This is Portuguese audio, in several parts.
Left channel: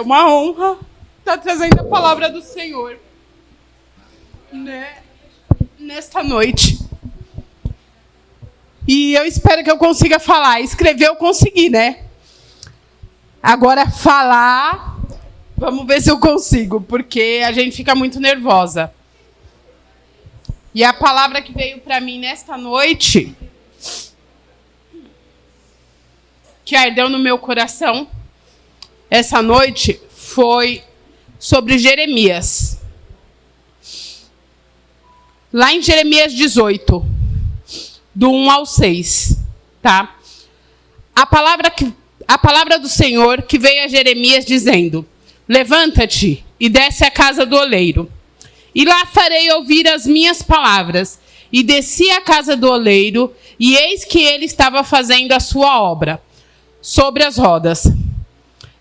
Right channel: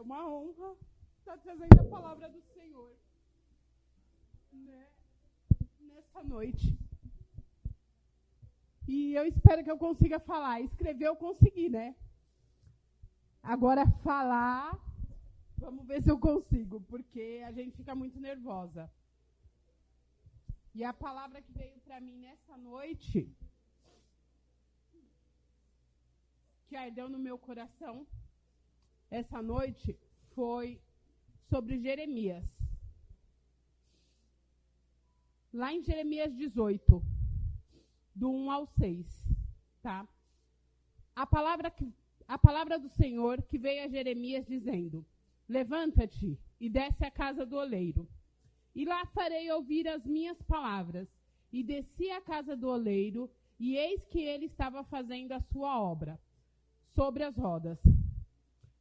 É uma honra estar trazendo a palavra do Senhor, né, nesta noite. E eu espero que eu consiga falar. Escrever eu consegui, né? Agora falar, vamos ver se eu consigo, porque a gente fica muito nervosa. E a palavra que veio para mim nesta noite, que ardeu no meu coração, essa noite, foi sobre Jeremias. Lá em Jeremias 18, do 1 ao 6, tá? A palavra do Senhor que veio a Jeremias dizendo: levanta-te e desce à casa do oleiro, e lá farei ouvir as minhas palavras. E desci à casa do oleiro, e eis que ele estava fazendo a sua obra sobre as rodas.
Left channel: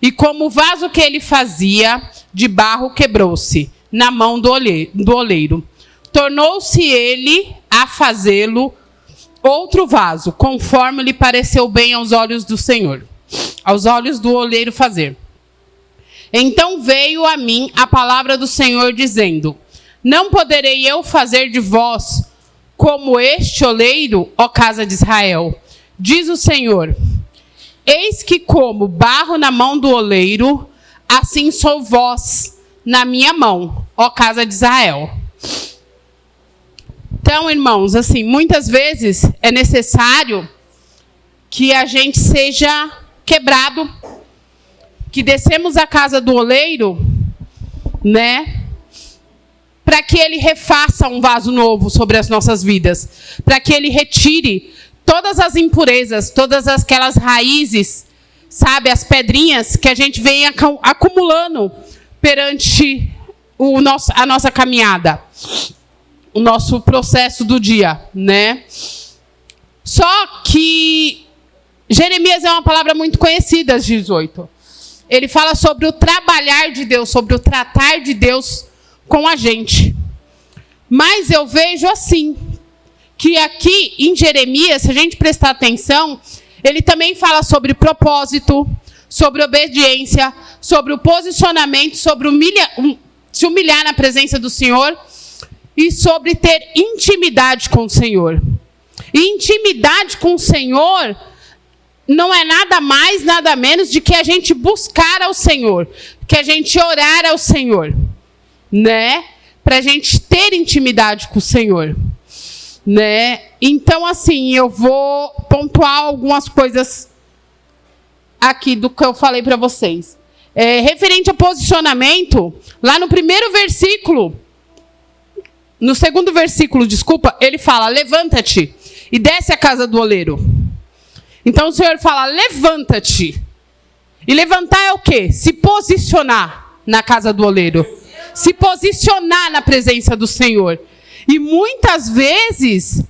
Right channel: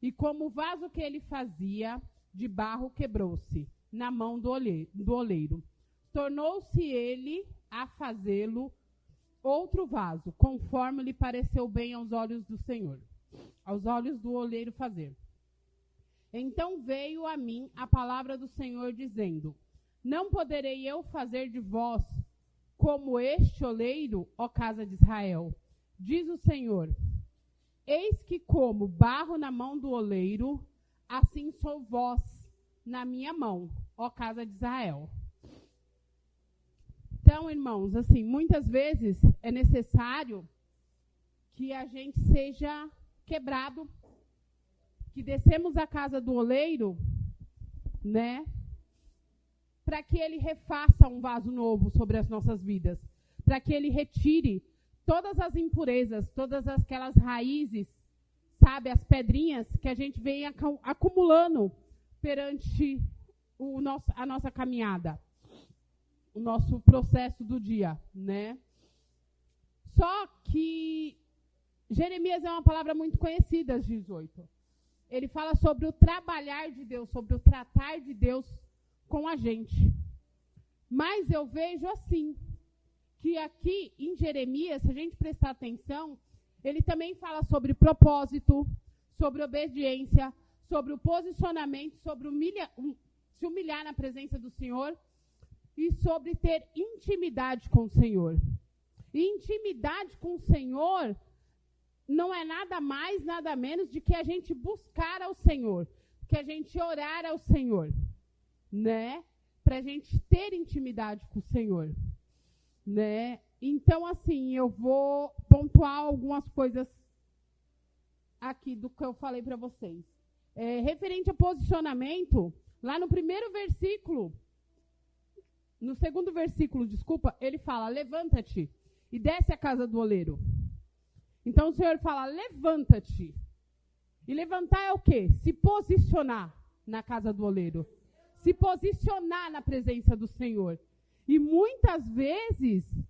E como o vaso que ele fazia de barro quebrou-se na mão do oleiro, tornou-se ele a fazê-lo outro vaso, conforme lhe pareceu bem aos olhos do Senhor, aos olhos do oleiro fazer. Então veio a mim a palavra do Senhor, dizendo: não poderei eu fazer de vós como este oleiro, ó casa de Israel? Diz o Senhor: eis que como barro na mão do oleiro, assim sou vós na minha mão, ó casa de Israel. Então, irmãos, assim, muitas vezes é necessário que a gente seja quebrado, que descemos à casa do oleiro, né, para que ele refaça um vaso novo sobre as nossas vidas, para que ele retire todas as impurezas, todas aquelas raízes, sabe, as pedrinhas que a gente vem acumulando perante a nossa caminhada, o nosso processo do dia, né? Só que Jeremias é uma palavra muito conhecida, às 18. Ele fala sobre o trabalhar de Deus, sobre o tratar de Deus com a gente. Mas eu vejo assim, que aqui em Jeremias, se a gente prestar atenção, ele também fala sobre propósito, sobre obediência, sobre o posicionamento, sobre se humilhar na presença do Senhor e sobre ter intimidade com o Senhor. E intimidade com o Senhor não é nada mais, nada menos de que a gente buscar ao Senhor, que a gente orar ao Senhor, né? Para a gente ter intimidade com o Senhor, né? Então, assim, eu vou pontuar algumas coisas aqui do que eu falei para vocês. Referente a posicionamento, lá no primeiro versículo, no segundo versículo, desculpa, ele fala: levanta-te e desce à casa do oleiro. Então o Senhor fala: levanta-te. E levantar é o quê? Se posicionar na casa do oleiro. Se posicionar na presença do Senhor. E muitas vezes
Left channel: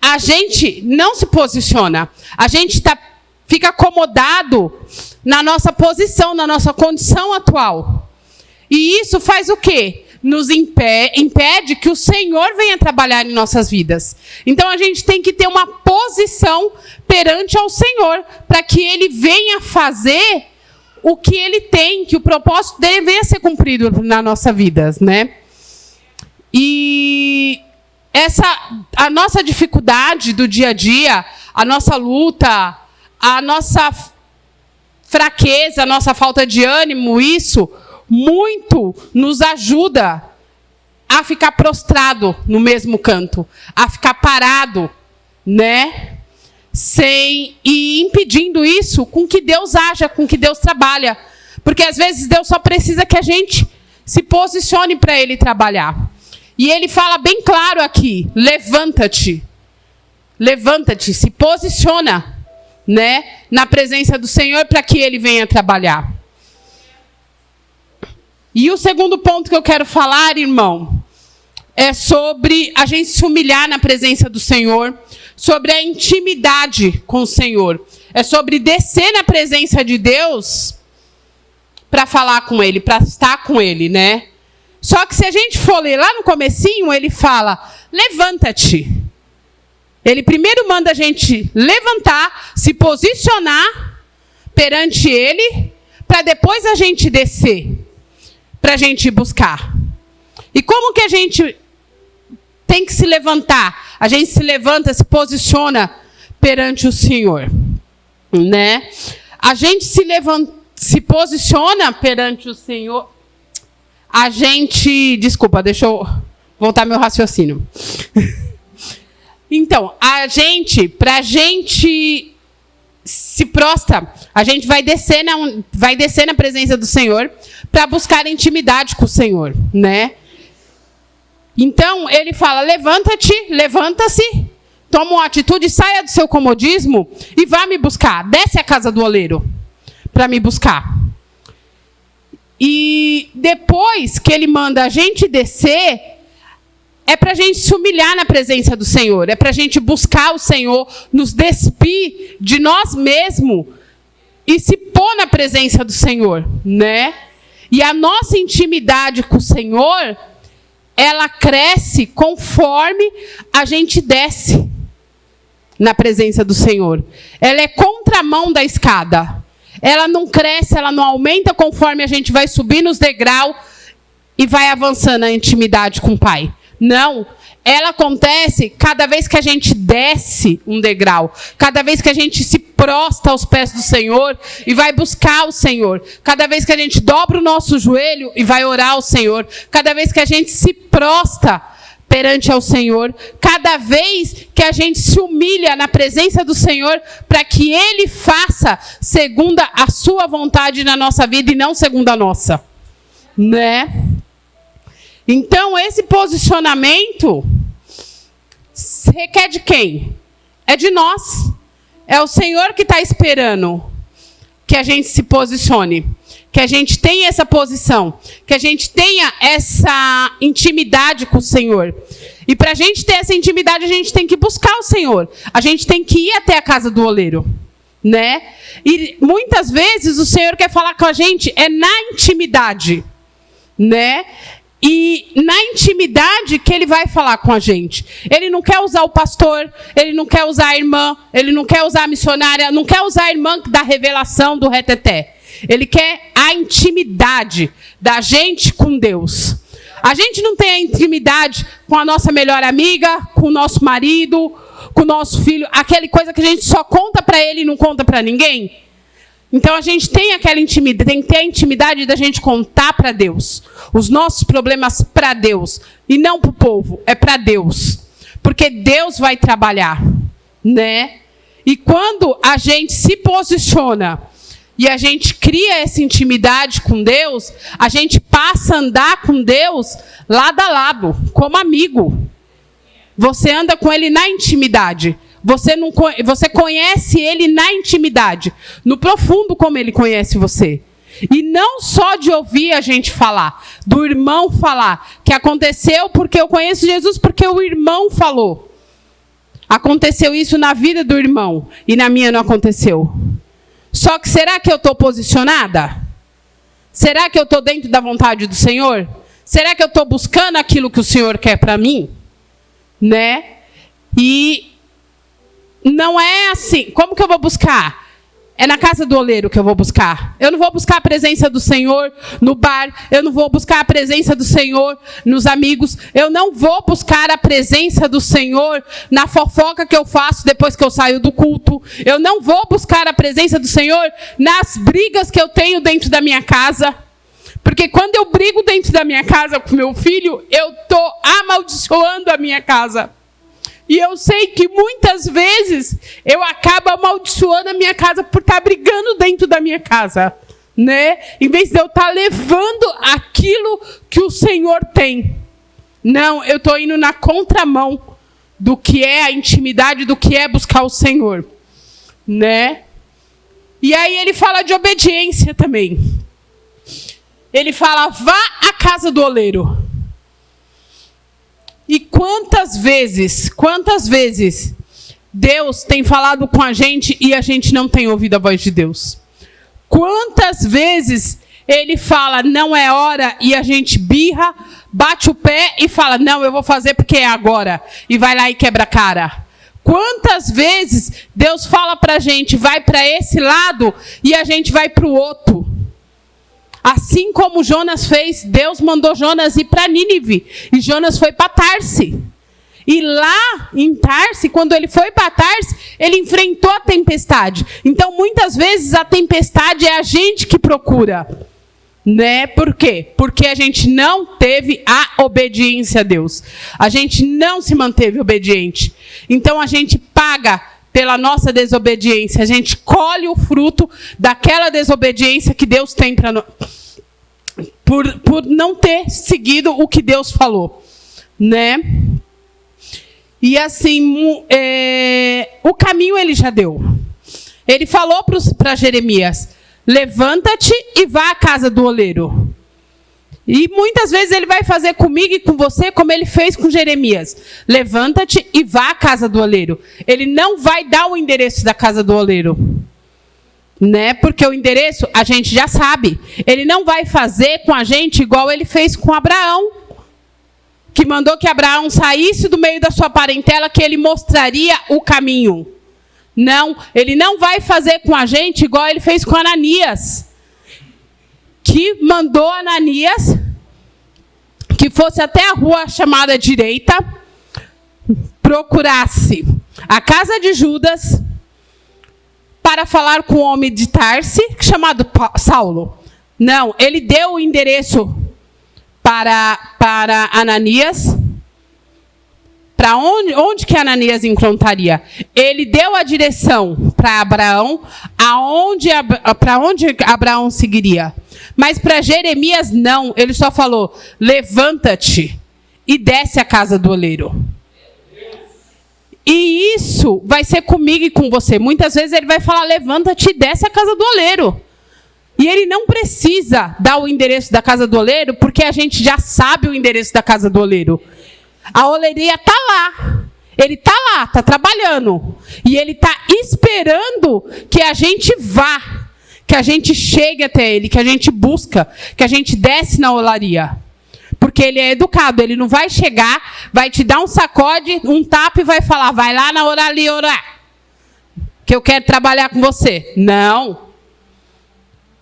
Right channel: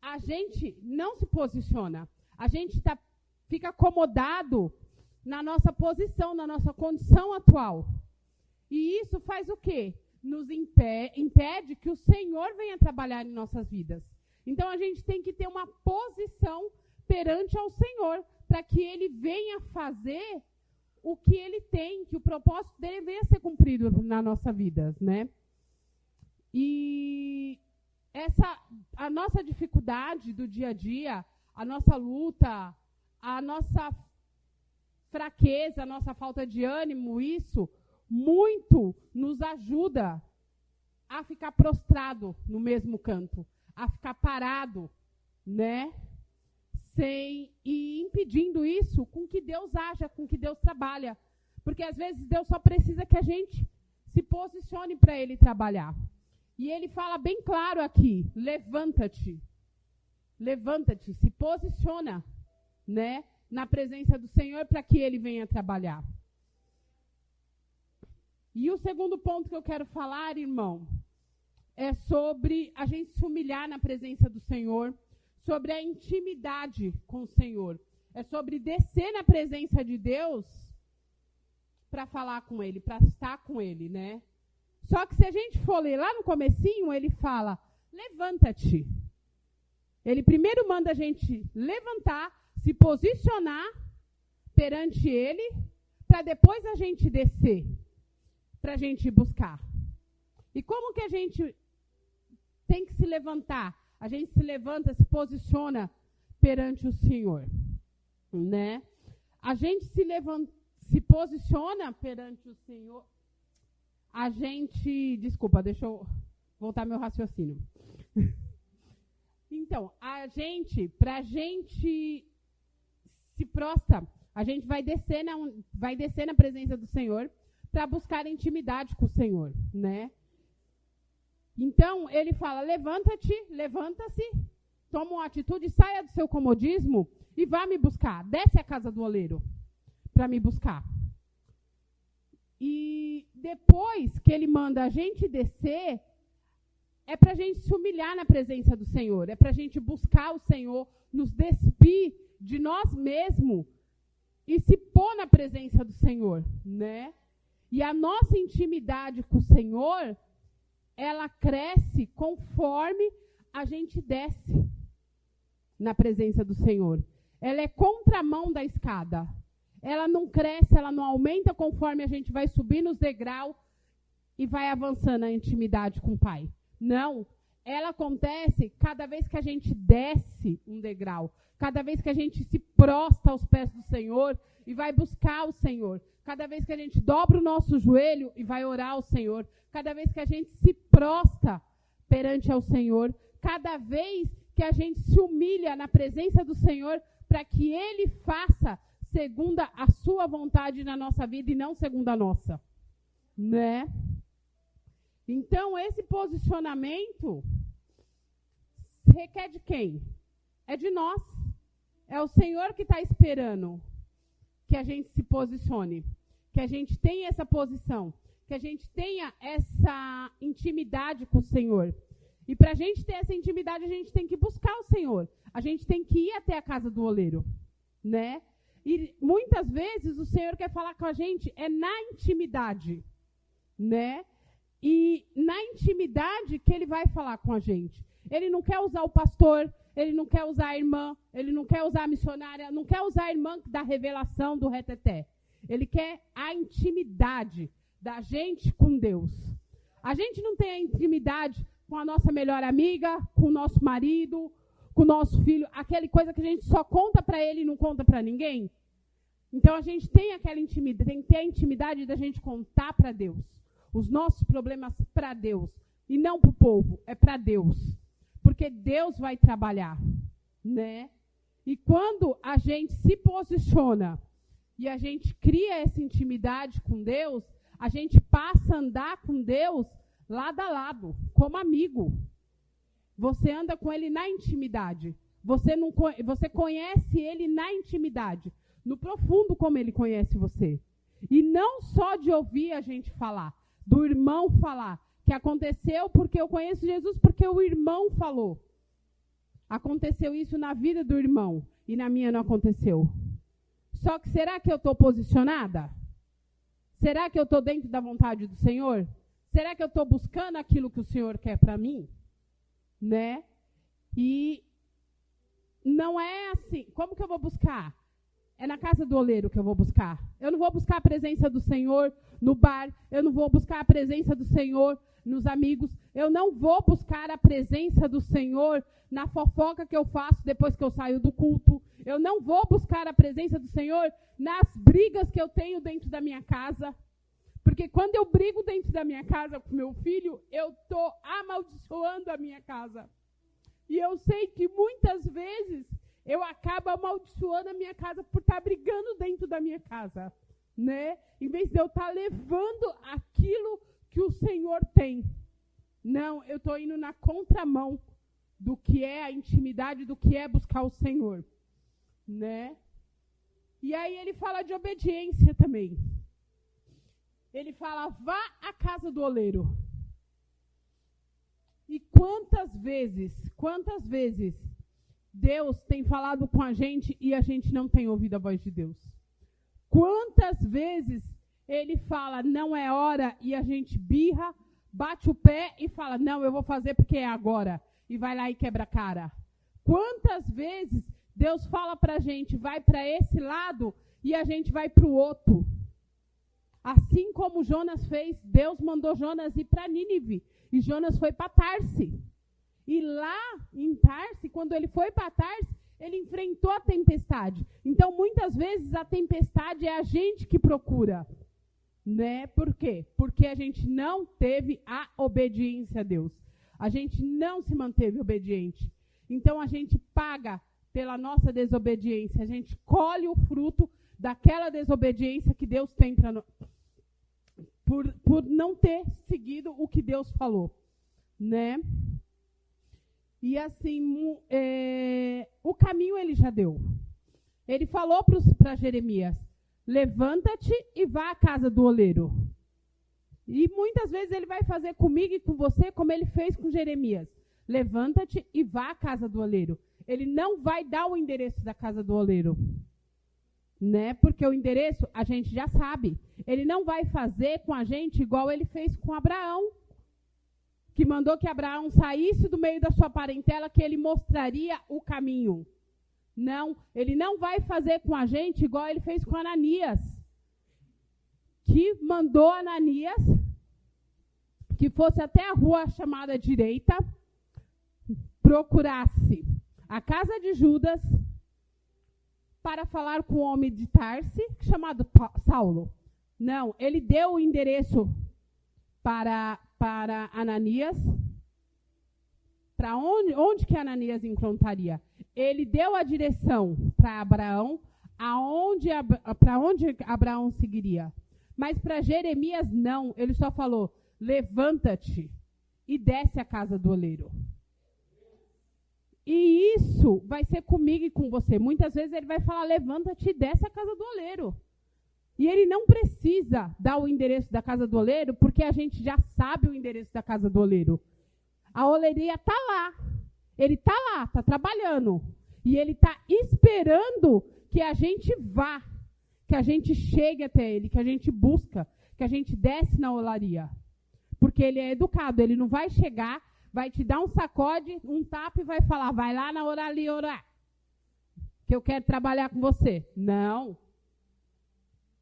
a gente não se posiciona. A gente fica acomodado na nossa posição, na nossa condição atual. E isso faz o quê? Nos impede que o Senhor venha trabalhar em nossas vidas. Então a gente tem que ter uma posição perante ao Senhor, para que Ele venha fazer o que Ele tem, que o propósito dele venha ser cumprido na nossa vida, né? E a nossa dificuldade do dia a dia, a nossa luta, a nossa fraqueza, a nossa falta de ânimo, isso muito nos ajuda a ficar prostrado no mesmo canto, a ficar parado, né? E impedindo isso com que Deus haja, com que Deus trabalha. Porque às vezes Deus só precisa que a gente se posicione para Ele trabalhar. E Ele fala bem claro aqui: levanta-te. Levanta-te, se posiciona, né, na presença do Senhor para que Ele venha trabalhar. E o segundo ponto que eu quero falar, irmão, é sobre a gente se humilhar na presença do Senhor, sobre a intimidade com o Senhor. É sobre descer na presença de Deus para falar com Ele, para estar com Ele, né? Só que se a gente for ler lá no comecinho, ele fala: levanta-te. Ele primeiro manda a gente levantar, se posicionar perante Ele, para depois a gente descer, para a gente ir buscar. E como que a gente tem que se levantar? A gente se levanta, se posiciona perante o Senhor, né? A gente se posiciona perante o Senhor. A gente... Desculpa, deixa eu voltar meu raciocínio. Então, para a gente se prostra, a gente vai descer na presença do Senhor para buscar intimidade com o Senhor, né? Então, ele fala, levanta-se, toma uma atitude, saia do seu comodismo e vá me buscar. Desce a casa do oleiro para me buscar. E depois que ele manda a gente descer, é para a gente se humilhar na presença do Senhor. É para a gente buscar o Senhor, nos despir de nós mesmos e se pôr na presença do Senhor, né? E a nossa intimidade com o Senhor, ela cresce conforme a gente desce na presença do Senhor. Ela é contramão da escada. Ela não cresce, ela não aumenta conforme a gente vai subir nos degraus e vai avançando na intimidade com o Pai. Não, ela acontece cada vez que a gente desce um degrau, cada vez que a gente se prostra aos pés do Senhor e vai buscar o Senhor, cada vez que a gente dobra o nosso joelho e vai orar ao Senhor, cada vez que a gente se prostra perante ao Senhor, cada vez que a gente se humilha na presença do Senhor para que Ele faça segundo a sua vontade na nossa vida e não segundo a nossa, né? Então, esse posicionamento requer de quem? É de nós. É o Senhor que está esperando que a gente se posicione, que a gente tenha essa posição, que a gente tenha essa intimidade com o Senhor. E para a gente ter essa intimidade, a gente tem que buscar o Senhor. A gente tem que ir até a casa do oleiro, né? E muitas vezes o Senhor quer falar com a gente na intimidade, né? E na intimidade que Ele vai falar com a gente. Ele não quer usar o pastor, Ele não quer usar a irmã, Ele não quer usar a missionária, não quer usar a irmã da revelação do reteté. Ele quer a intimidade da gente com Deus. A gente não tem a intimidade com a nossa melhor amiga, com o nosso marido, com o nosso filho, aquela coisa que a gente só conta para ele e não conta para ninguém. Então a gente tem aquela intimidade, tem que ter a intimidade da gente contar para Deus os nossos problemas para Deus e não para o povo, é para Deus, porque Deus vai trabalhar, né? E quando a gente se posiciona e a gente cria essa intimidade com Deus, a gente passa a andar com Deus lado a lado, como amigo. Você anda com Ele na intimidade. Você conhece Ele na intimidade, no profundo como Ele conhece você. E não só de ouvir a gente falar, do irmão falar, que aconteceu porque eu conheço Jesus, porque o irmão falou. Aconteceu isso na vida do irmão e na minha não aconteceu. Só que será que eu estou posicionada? Será que eu estou dentro da vontade do Senhor? Será que eu estou buscando aquilo que o Senhor quer para mim? Né? E não é assim. Como que eu vou buscar? É na casa do oleiro que eu vou buscar. Eu não vou buscar a presença do Senhor no bar. Eu não vou buscar a presença do Senhor nos amigos. Eu não vou buscar a presença do Senhor na fofoca que eu faço depois que eu saio do culto. Eu não vou buscar a presença do Senhor nas brigas que eu tenho dentro da minha casa. Porque quando eu brigo dentro da minha casa com meu filho, eu estou amaldiçoando a minha casa. E eu sei que muitas vezes eu acabo amaldiçoando a minha casa por estar brigando dentro da minha casa, né? Em vez de eu estar levando aquilo que o Senhor tem. Não, eu estou indo na contramão do que é a intimidade, do que é buscar o Senhor, né? E aí ele fala de obediência também. Ele fala, vá à casa do oleiro. E quantas vezes Deus tem falado com a gente e a gente não tem ouvido a voz de Deus? Quantas vezes Ele fala, não é hora, e a gente birra, bate o pé e fala, não, eu vou fazer porque é agora. E vai lá e quebra a cara. Quantas vezes Deus fala para a gente, vai para esse lado e a gente vai para o outro? Assim como Jonas fez, Deus mandou Jonas ir para Nínive. E Jonas foi para Tarse. E lá em Tarse, quando ele foi para Tarse, ele enfrentou a tempestade. Então, muitas vezes, a tempestade é a gente que procura. Né? Por quê? Porque a gente não teve a obediência a Deus. A gente não se manteve obediente. Então, a gente paga pela nossa desobediência. A gente colhe o fruto daquela desobediência que Deus tem para nós. Por não ter seguido o que Deus falou. Né? E assim, o caminho ele já deu. Ele falou para Jeremias: levanta-te e vá à casa do oleiro. E muitas vezes ele vai fazer comigo e com você como ele fez com Jeremias. Levanta-te e vá à casa do oleiro. Ele não vai dar o endereço da casa do oleiro. Né? Porque o endereço a gente já sabe. Ele não vai fazer com a gente igual ele fez com Abraão. Que mandou que Abraão saísse do meio da sua parentela, que ele mostraria o caminho. Não, ele não vai fazer com a gente igual ele fez com Ananias. Que mandou Ananias que fosse até a rua chamada direita, procurasse a casa de Judas para falar com o homem de Tarse, chamado Saulo. Não, ele deu o endereço para Ananias. Para onde que Ananias encontraria? Ele deu a direção para Abraão, para onde Abraão seguiria. Mas para Jeremias não, ele só falou: levanta-te e desce à casa do oleiro. E isso vai ser comigo e com você. Muitas vezes ele vai falar: levanta-te e desce à casa do oleiro. E ele não precisa dar o endereço da casa do oleiro, porque a gente já sabe o endereço da casa do oleiro. A oleiraria está lá. Ele está lá, está trabalhando. E ele está esperando que a gente vá, que a gente chegue até ele, que a gente busca, que a gente desce na olaria. Porque ele é educado, ele não vai chegar, vai te dar um sacode, um tapa e vai falar: vai lá na olaria orar, que eu quero trabalhar com você. Não.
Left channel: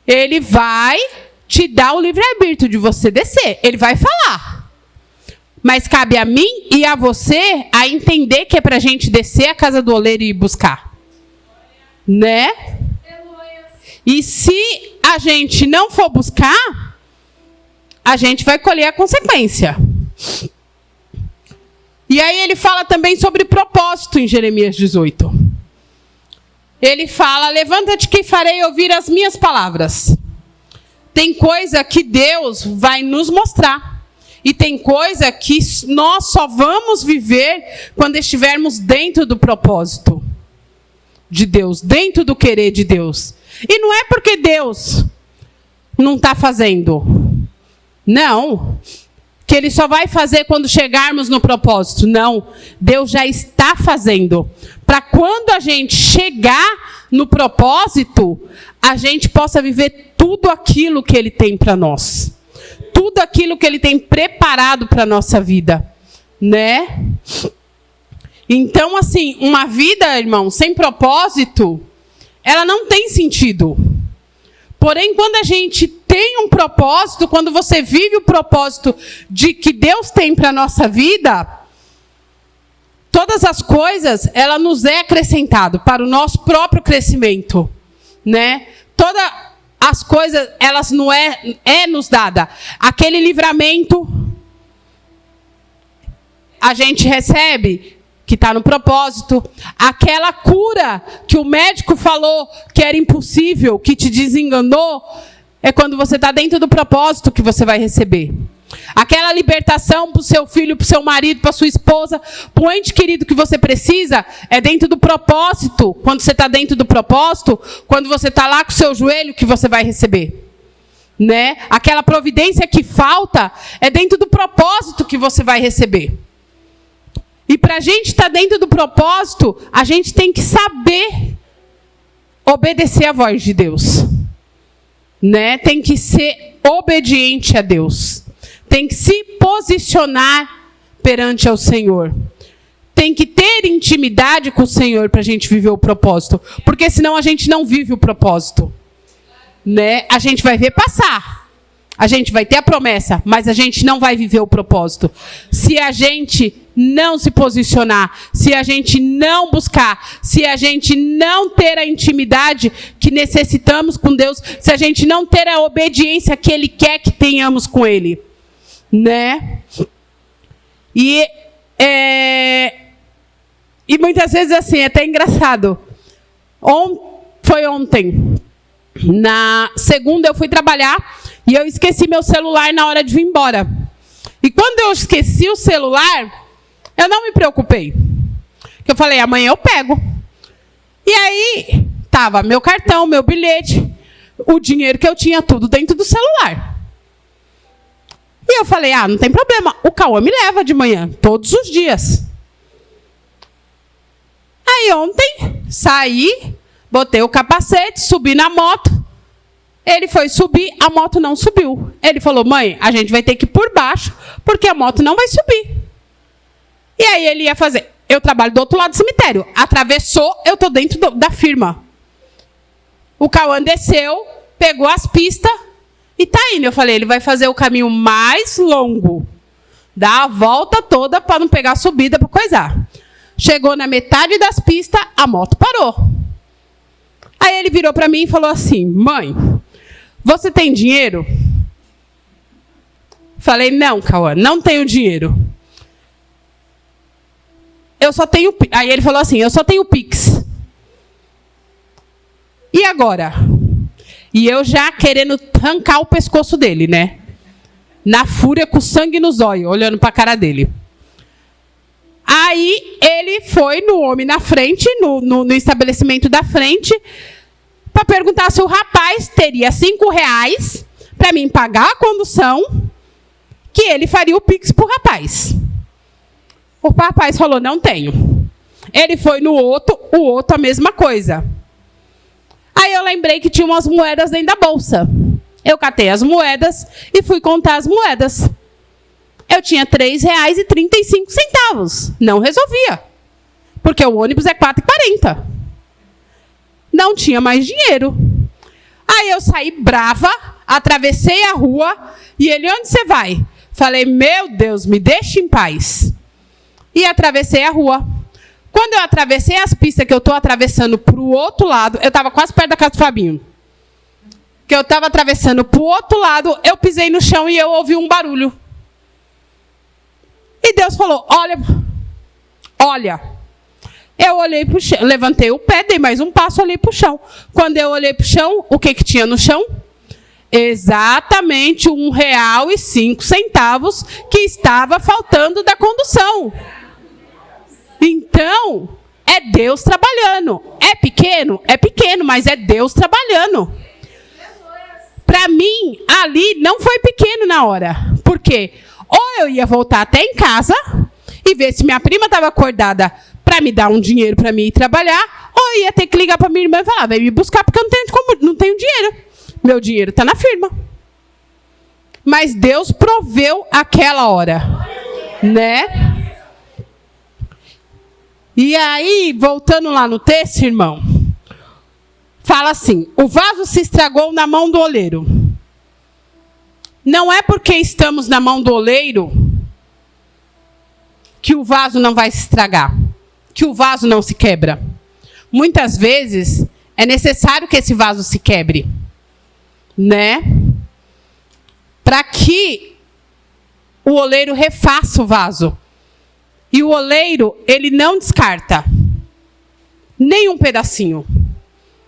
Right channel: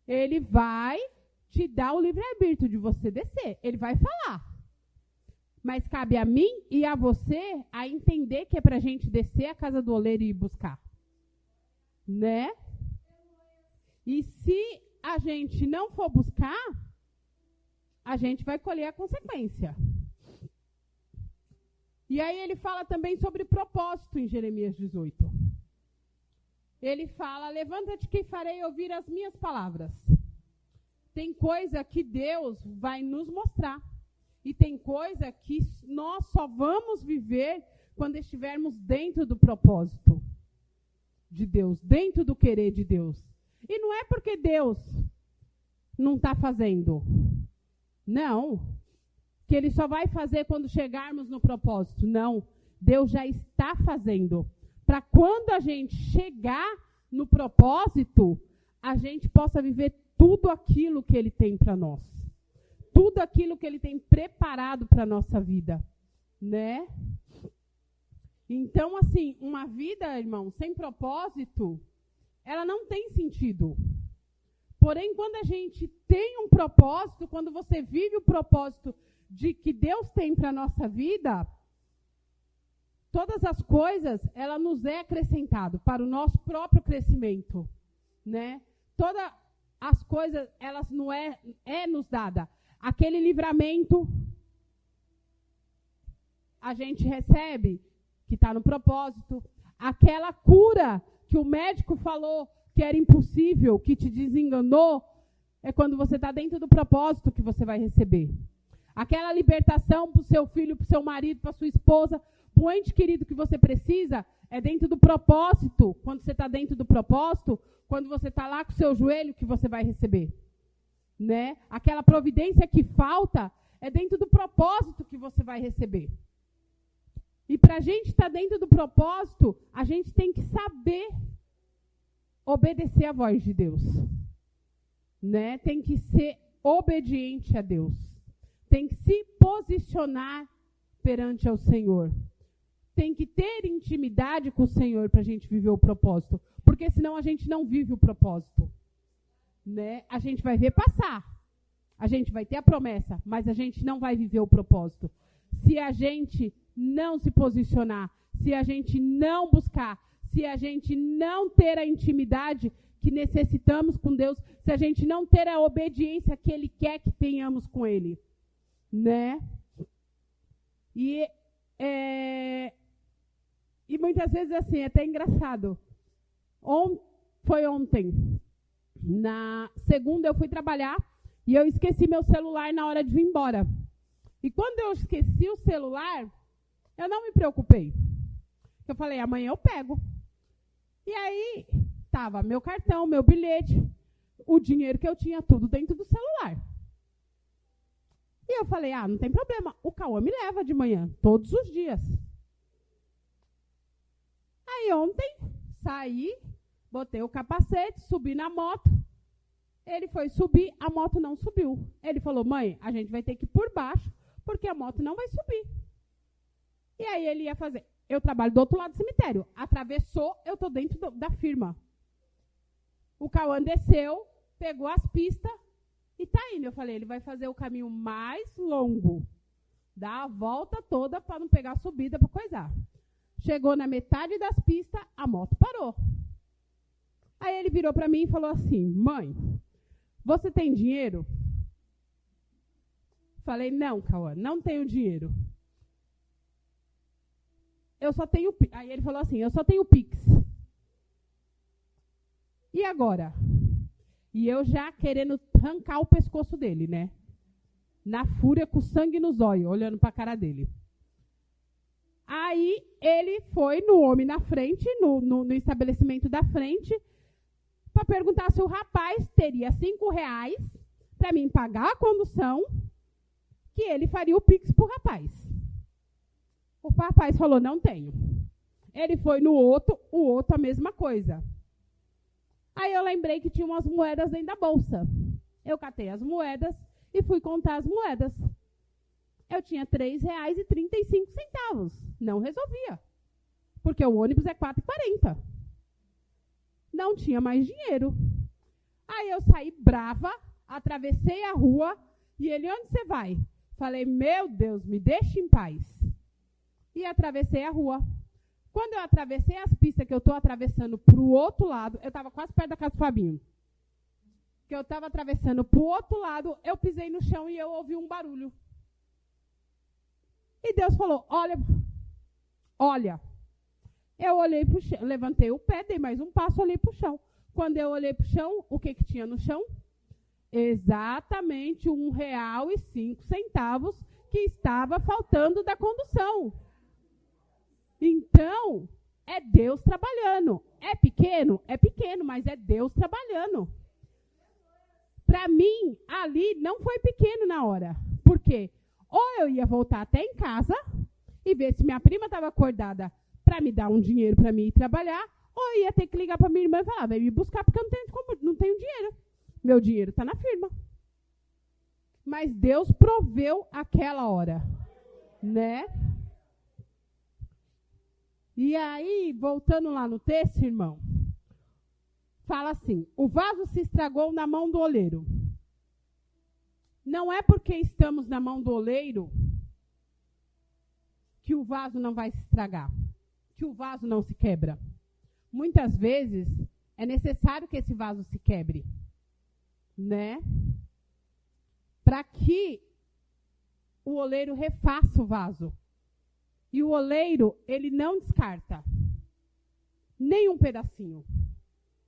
Ele vai te dar o livre-arbítrio de você descer. Ele vai falar. Mas cabe a mim e a você a entender que é para a gente descer a casa do oleiro e buscar. Né? E se a gente não for buscar, a gente vai colher a consequência. E aí ele fala também sobre propósito em Jeremias 18. Ele fala: levanta-te que farei ouvir as minhas palavras. Tem coisa que Deus vai nos mostrar. E tem coisa que nós só vamos viver quando estivermos dentro do propósito de Deus, dentro do querer de Deus. E não é porque Deus não está fazendo. Não. Que ele só vai fazer quando chegarmos no propósito. Não. Deus já está fazendo. Para quando a gente chegar no propósito, a gente possa viver tudo aquilo que ele tem para nós. Tudo aquilo que ele tem preparado para a nossa vida. Né? Então, assim, uma vida, irmão, sem propósito, ela não tem sentido. Porém, quando a gente tem um propósito, quando você vive o propósito de que Deus tem para a nossa vida, todas as coisas, ela nos é acrescentado para o nosso próprio crescimento, né? Todas as coisas, elas não é nos dada. Aquele livramento, a gente recebe, que está no propósito. Aquela cura que o médico falou que era impossível, que te desenganou, é quando você está dentro do propósito que você vai receber. Aquela libertação para o seu filho, para o seu marido, para a sua esposa, para o ente querido que você precisa, é dentro do propósito. Quando você está dentro do propósito, quando você está lá com o seu joelho, que você vai receber. Né? Aquela providência que falta, é dentro do propósito que você vai receber. E para a gente estar dentro do propósito, a gente tem que saber obedecer à voz de Deus. Né? Tem que ser obediente a Deus. Tem que se posicionar perante ao Senhor. Tem que ter intimidade com o Senhor para a gente viver o propósito. Porque senão a gente não vive o propósito. Né? A gente vai ver passar. A gente vai ter a promessa, mas a gente não vai viver o propósito. Se a gente não se posicionar, se a gente não buscar, se a gente não ter a intimidade que necessitamos com Deus, se a gente não ter a obediência que Ele quer que tenhamos com Ele, né? E muitas vezes assim, é até engraçado. Foi ontem, na segunda eu fui trabalhar e eu esqueci meu celular na hora de vir embora. E quando eu esqueci o celular, eu não me preocupei. Eu falei, amanhã eu pego. E aí, tava meu cartão, meu bilhete, o dinheiro que eu tinha, tudo dentro do celular. E eu falei, não tem problema, o Cauã me leva de manhã, todos os dias. Aí ontem, saí, botei o capacete, subi na moto. Ele foi subir, a moto não subiu. Ele falou, mãe, a gente vai ter que ir por baixo, porque a moto não vai subir. E aí ele ia fazer. Eu trabalho do outro lado do cemitério. Atravessou, eu estou dentro da firma. O Cauã desceu, pegou as pistas e está indo. Eu falei, ele vai fazer o caminho mais longo. Dá a volta toda para não pegar a subida para coisar. Chegou na metade das pistas, a moto parou. Aí ele virou para mim e falou assim, mãe, você tem dinheiro? Falei, não, Cauã, não tenho dinheiro. Eu só tenho... Aí ele falou assim, eu só tenho Pix. E agora? E eu já querendo arrancar o pescoço dele, né? Na fúria, com sangue nos olhos, olhando para a cara dele. Aí ele foi no homem na frente, no estabelecimento da frente, para perguntar se o rapaz teria R$5 para mim pagar a condução, que ele faria o Pix para o rapaz. O rapaz falou, não tenho. Ele foi no outro, o outro a mesma coisa. Aí eu lembrei que tinha umas moedas dentro da bolsa. Eu catei as moedas e fui contar as moedas. Eu tinha R$3,35. Não resolvia. Porque o ônibus é R$4,40. Não tinha mais dinheiro. Aí eu saí brava, atravessei a rua e ele, onde você vai? Falei, meu Deus, me deixe em paz. E atravessei a rua. Quando eu atravessei as pistas que eu estou atravessando para o outro lado, eu estava quase perto da casa do Fabinho. Que eu estava atravessando para o outro lado, eu pisei no chão e eu ouvi um barulho. E Deus falou, olha. Eu olhei para o chão, levantei o pé, dei mais um passo, olhei para o chão. Quando eu olhei para o chão, o que tinha no chão? Exatamente R$1,05 que estava faltando da condução. Então, é Deus trabalhando. É pequeno? É pequeno, mas é Deus trabalhando. Para mim, ali não foi pequeno na hora. Por quê? Ou eu ia voltar até em casa e ver se minha prima estava acordada para me dar um dinheiro para mim ir trabalhar, ou eu ia ter que ligar para minha irmã e falar, vem me buscar porque eu não tenho dinheiro. Meu dinheiro está na firma. Mas Deus proveu aquela hora. Né? E aí, voltando lá no texto, irmão, fala assim, o vaso se estragou na mão do oleiro. Não é porque estamos na mão do oleiro que o vaso não vai se estragar, que o vaso não se quebra. Muitas vezes, é necessário que esse vaso se quebre, né? Para que o oleiro refaça o vaso. E o oleiro, ele não descarta nem um pedacinho.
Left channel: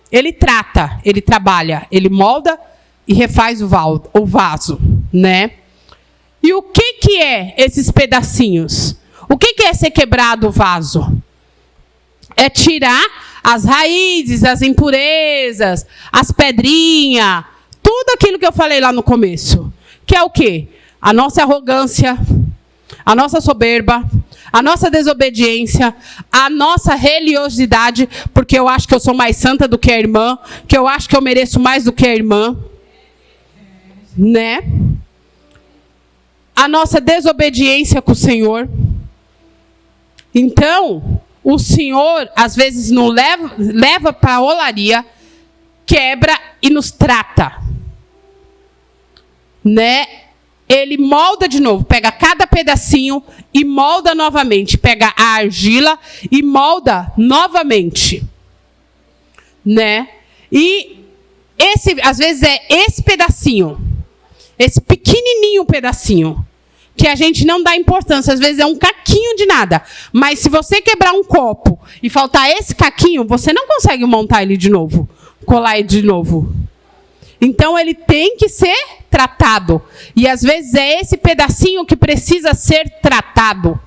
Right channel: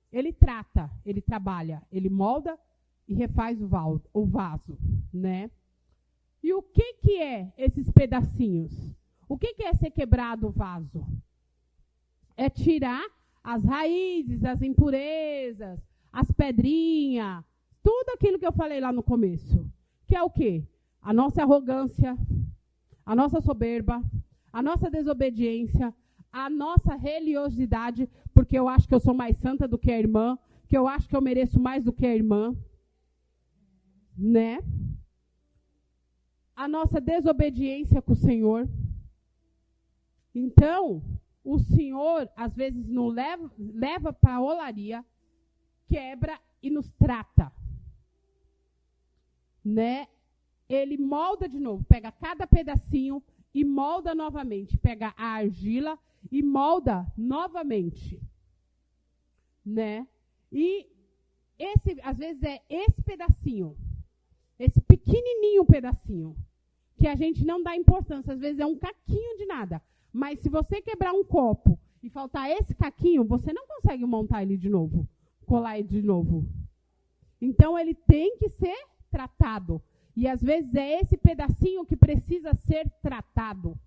Ele trata, ele trabalha, ele molda e refaz o vaso, né? E o que é esses pedacinhos? O que é ser quebrado o vaso? É tirar as raízes, as impurezas, as pedrinhas, tudo aquilo que eu falei lá no começo. Que é o quê? A nossa arrogância, a nossa soberba, a nossa desobediência, a nossa religiosidade, porque eu acho que eu sou mais santa do que a irmã, que eu acho que eu mereço mais do que a irmã, né? A nossa desobediência com o Senhor. Então, o Senhor, às vezes, nos leva para a olaria, quebra e nos trata. né? Ele molda de novo, pega cada pedacinho e molda novamente. Pega a argila e molda novamente, né? E às vezes é esse pedacinho, esse pequenininho pedacinho, que a gente não dá importância. Às vezes é um caquinho de nada. Mas se você quebrar um copo e faltar esse caquinho, você não consegue montar ele de novo, colar ele de novo. Então, ele tem que ser tratado. E, às vezes, é esse pedacinho que precisa ser tratado,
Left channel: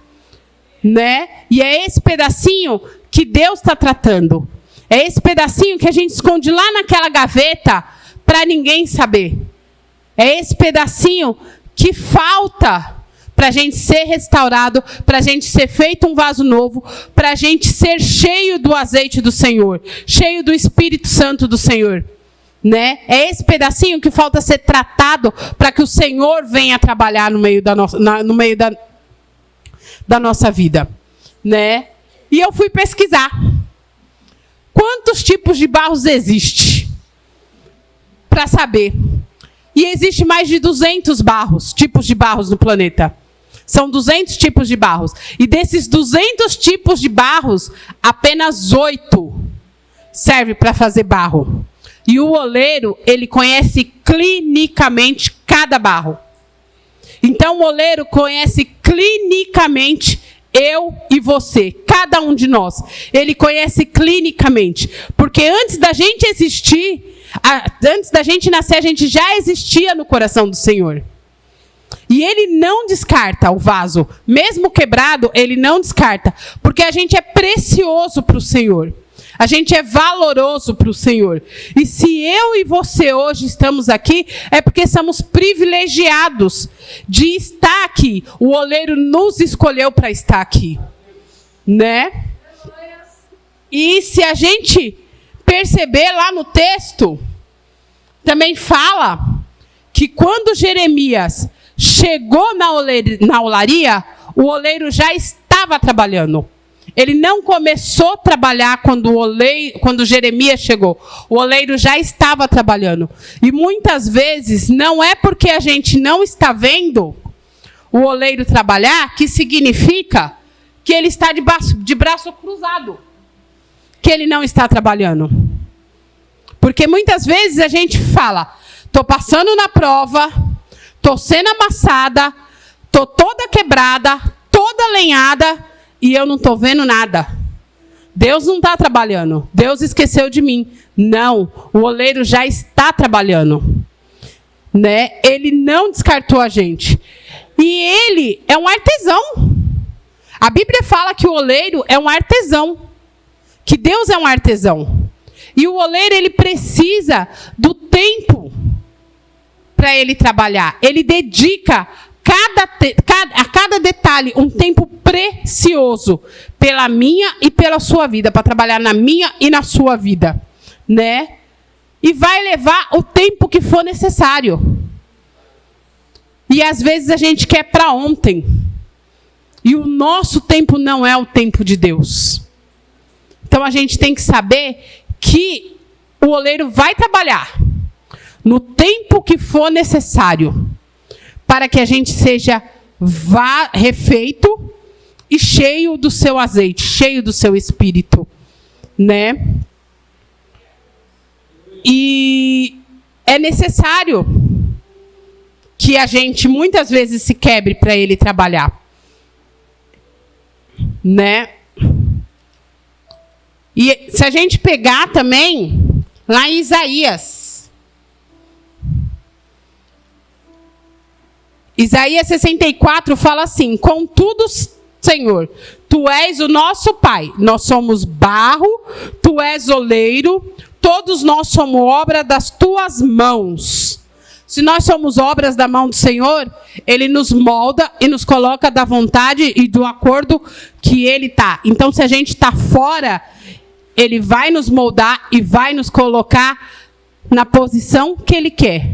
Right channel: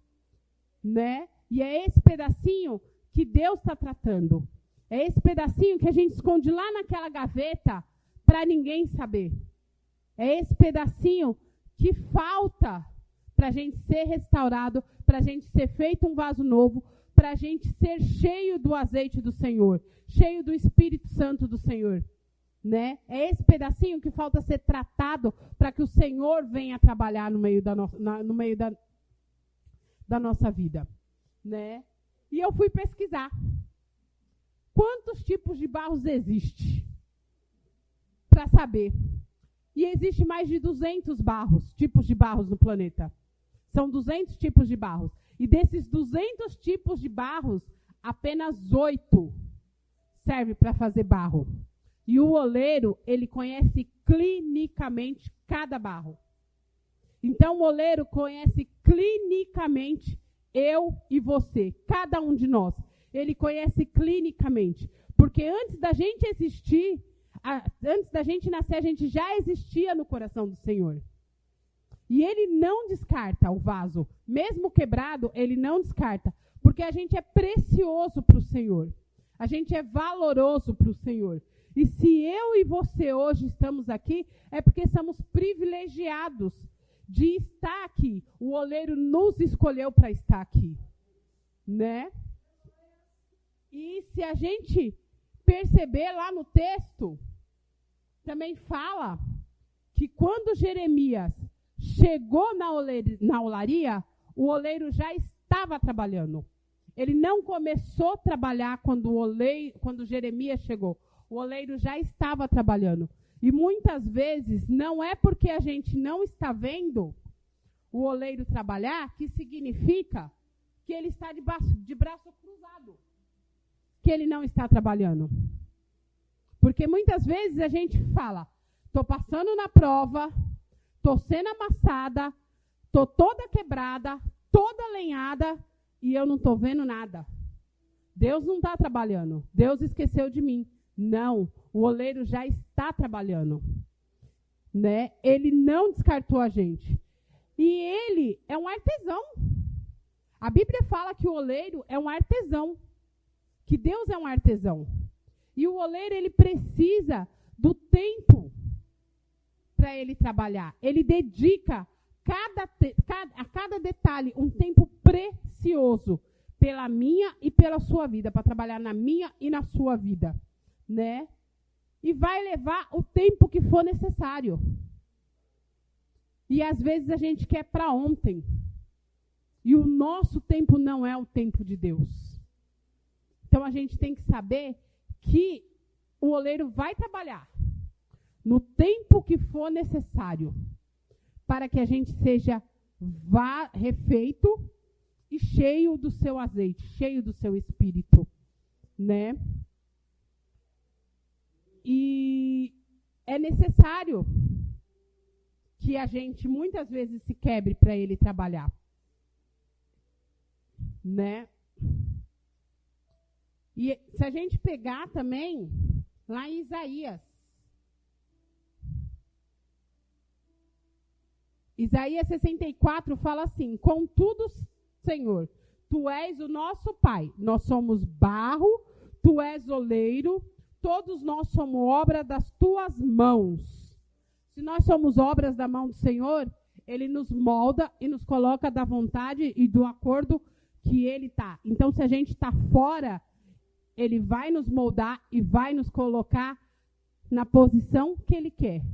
né? E é esse pedacinho que Deus está tratando. É esse pedacinho que a gente esconde lá naquela gaveta para ninguém saber. É esse pedacinho que falta para a gente ser restaurado, para a gente ser feito um vaso novo, para a gente ser cheio do azeite do Senhor, cheio do Espírito Santo do Senhor. Né? É esse pedacinho que falta ser tratado para que o Senhor venha trabalhar no meio da nossa vida. Né? E eu fui pesquisar. Quantos tipos de barros existem? Para saber. E existe mais de 200 tipos de barros no planeta. São 200 tipos de barros. E desses 200 tipos de barros, apenas 8 servem para fazer barro. E o oleiro, ele conhece clinicamente cada barro. Então, o oleiro conhece clinicamente eu e você, cada um de nós. Ele conhece clinicamente. Porque antes da gente existir, antes da gente nascer, a gente já existia no coração do Senhor. E ele não descarta o vaso. Mesmo quebrado, ele não descarta. Porque a gente é precioso para o Senhor. A gente é valoroso para o Senhor. E se eu e você hoje estamos aqui, é porque somos privilegiados de estar aqui. O oleiro nos escolheu para estar aqui. Né? E se a gente perceber lá no texto, também fala que quando Jeremias chegou na olaria, o oleiro já estava trabalhando. Ele não começou a trabalhar quando Jeremias chegou. O oleiro já estava trabalhando. E muitas vezes não é porque a gente não está vendo o oleiro trabalhar que significa que ele está de braço cruzado, que ele não está trabalhando. Porque muitas vezes a gente fala, estou passando na prova, estou sendo amassada, estou toda quebrada, toda lenhada, e eu não estou vendo nada. Deus não está trabalhando. Deus esqueceu de mim. Não, o oleiro já está trabalhando. Né? Ele não descartou a gente. E ele é um artesão. A Bíblia fala que o oleiro é um artesão. Que Deus é um artesão. E o oleiro, ele precisa do tempo para ele trabalhar. Ele dedica a cada detalhe um tempo precioso pela minha e pela sua vida, para trabalhar na minha e na sua vida, né? E vai levar o tempo que for necessário. E às vezes a gente quer para ontem. E o nosso tempo não é o tempo de Deus. Então a gente tem que saber que o oleiro vai trabalhar no tempo que for necessário, para que a gente seja refeito e cheio do seu azeite, cheio do seu espírito, né? E é necessário que a gente muitas vezes se quebre para ele trabalhar, né? E se a gente pegar também lá em Isaías 64 fala assim: contudo, Senhor, tu és o nosso Pai, nós somos barro, tu és oleiro, todos nós somos obra das tuas mãos. Se nós somos obras da mão do Senhor, ele nos molda e nos coloca da vontade e do acordo que ele está. Então, se a gente está fora, ele vai nos moldar e vai nos colocar na posição que ele quer.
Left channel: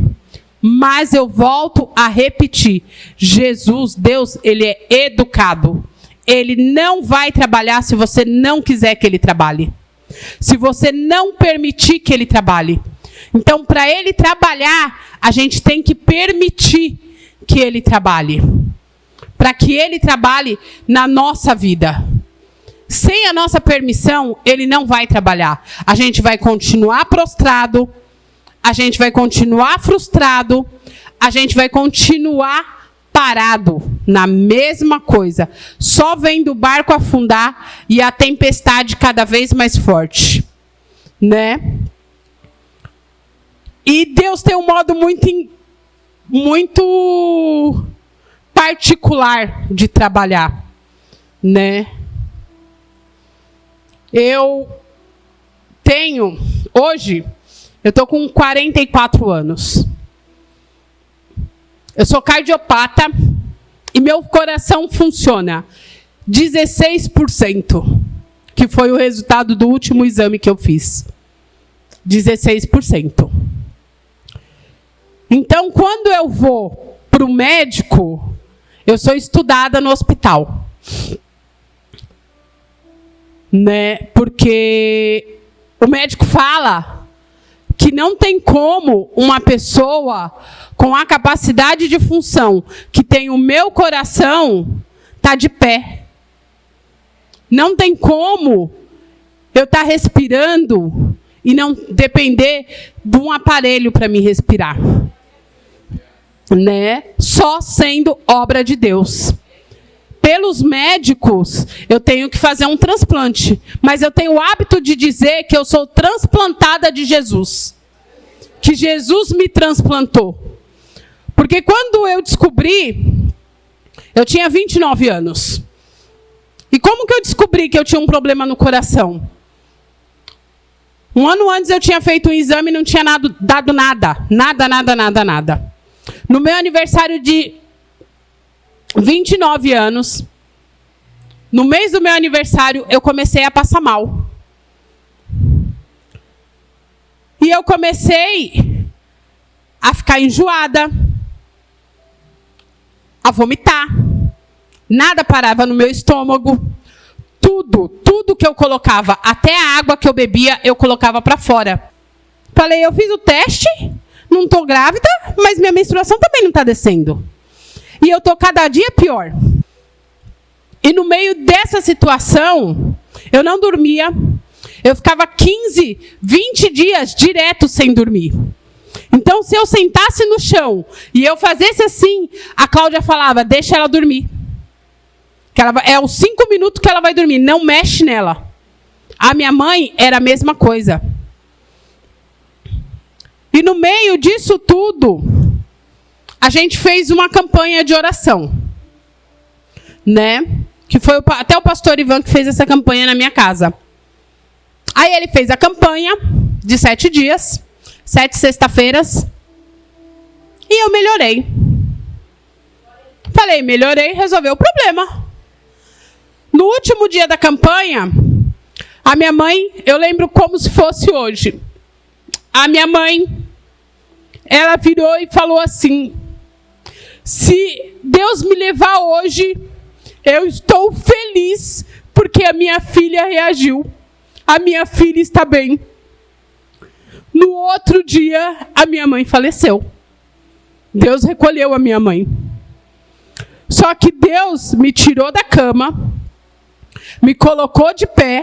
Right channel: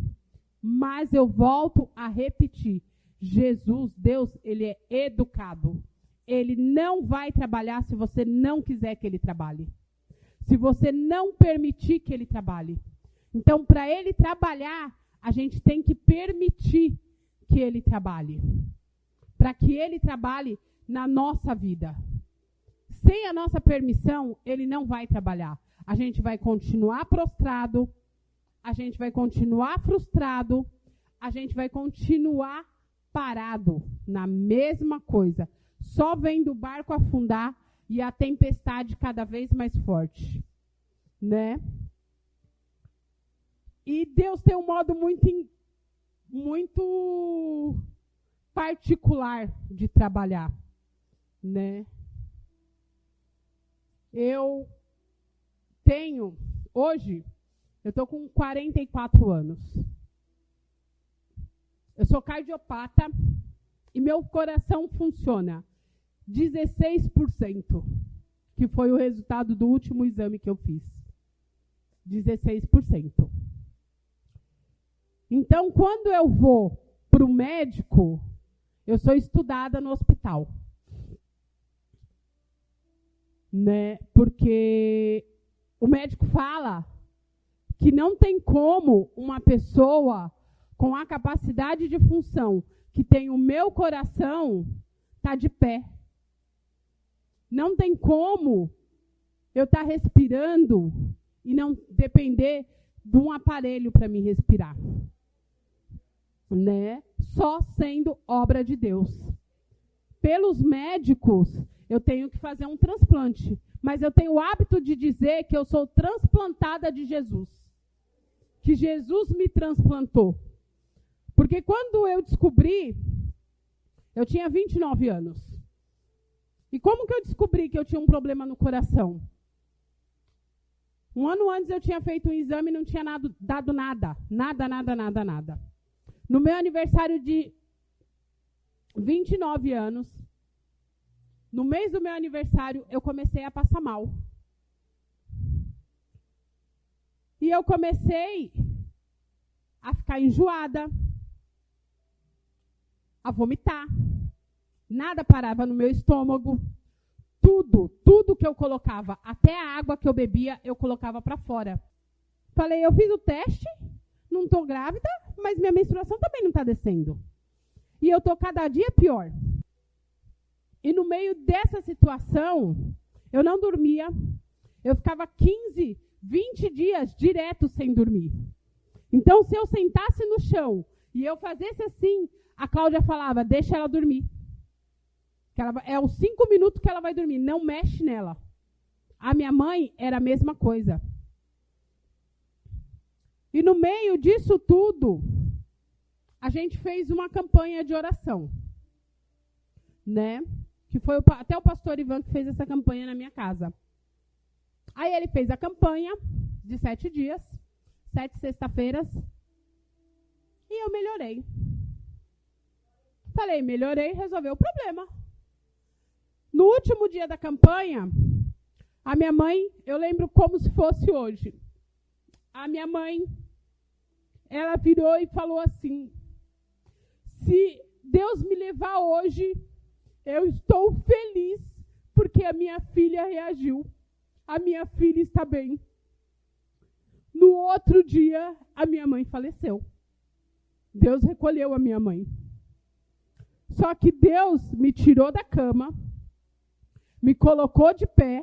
Mas eu volto a repetir, Jesus, Deus, ele é educado. Ele não vai trabalhar se você não quiser que ele trabalhe. Se você não permitir que ele trabalhe. Então, para ele trabalhar, a gente tem que permitir que ele trabalhe. Para que ele trabalhe na nossa vida. Sem a nossa permissão, ele não vai trabalhar. A gente vai continuar prostrado, a gente vai continuar frustrado, a gente vai continuar parado na mesma coisa, só vendo o barco afundar e a tempestade cada vez mais forte, né? E Deus tem um modo muito particular de trabalhar, né? Hoje, eu estou com 44 anos. Eu sou cardiopata e meu coração funciona 16%, que foi o resultado do último exame que eu fiz. 16%. Então, quando eu vou para o médico, eu sou estudada no hospital. Né? Porque o médico fala que não tem como uma pessoa com a capacidade de função que tem o meu coração tá de pé. Não tem como eu estar respirando e não depender de um aparelho para me respirar. Né? Só sendo obra de Deus. Pelos médicos, eu tenho que fazer um transplante. Mas eu tenho o hábito de dizer que eu sou transplantada de Jesus. Que Jesus me transplantou. Porque quando eu descobri, eu tinha 29 anos. E como que eu descobri que eu tinha um problema no coração? Um ano antes eu tinha feito um exame e não tinha dado nada. Nada. No meu aniversário de 29 anos, no mês do meu aniversário, eu comecei a passar mal. E eu comecei a ficar enjoada, a vomitar. Nada parava no meu estômago. Tudo que eu colocava, até a água que eu bebia, eu colocava para fora. Falei, eu fiz o teste, não estou grávida, mas minha menstruação também não está descendo. E eu estou cada dia pior. E no meio dessa situação, eu não dormia. Eu ficava 15, 20 dias direto sem dormir. Então, se eu sentasse no chão e eu fizesse assim, a Cláudia falava, deixa ela dormir. É os 5 minutos que ela vai dormir, não mexe nela. A minha mãe era a mesma coisa. E no meio disso tudo, a gente fez uma campanha de oração, né? Que foi até o pastor Ivan que fez essa campanha na minha casa. Aí ele fez a campanha de 7 dias, 7 sexta-feiras, e eu melhorei. Falei, melhorei, resolveu o problema. No último dia da campanha, a minha mãe, eu lembro como se fosse hoje. A minha mãe, ela virou e falou assim, se Deus me levar hoje, eu estou feliz porque a minha filha reagiu. A minha filha está bem. No outro dia, a minha mãe faleceu. Deus recolheu a minha mãe. Só que Deus me tirou da cama, me colocou de pé,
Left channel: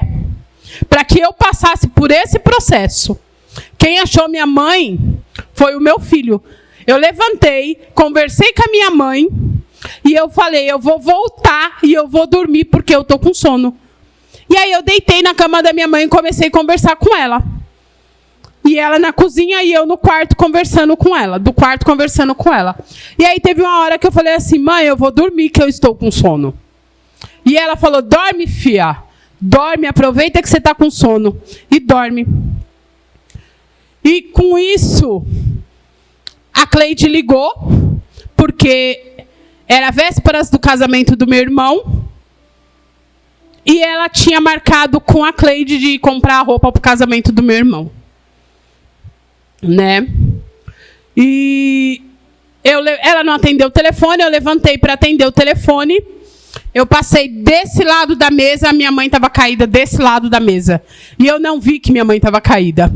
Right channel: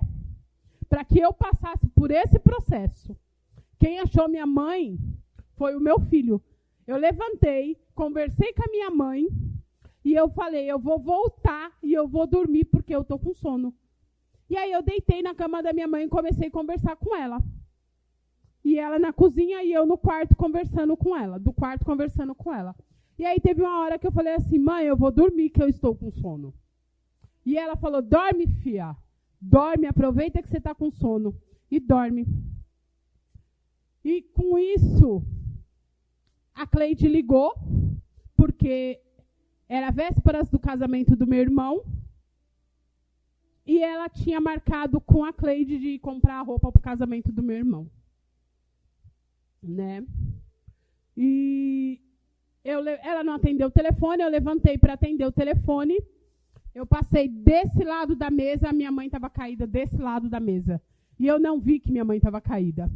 para que eu passasse por esse processo. Quem achou minha mãe foi o meu filho. Eu levantei, conversei com a minha mãe, e eu falei, eu vou voltar e eu vou dormir porque eu estou com sono. E aí eu deitei na cama da minha mãe e comecei a conversar com ela. E ela na cozinha e eu no quarto conversando com ela. Do quarto conversando com ela. E aí teve uma hora que eu falei assim, mãe, eu vou dormir que eu estou com sono. E ela falou, dorme, filha. Dorme, aproveita que você está com sono. E dorme. E com isso, a Cleide ligou, porque era vésperas do casamento do meu irmão. E ela tinha marcado com a Cleide de comprar a roupa para o casamento do meu irmão. Né? E ela não atendeu o telefone, eu levantei para atender o telefone. Eu passei desse lado da mesa, a minha mãe estava caída desse lado da mesa. E eu não vi que minha mãe estava caída.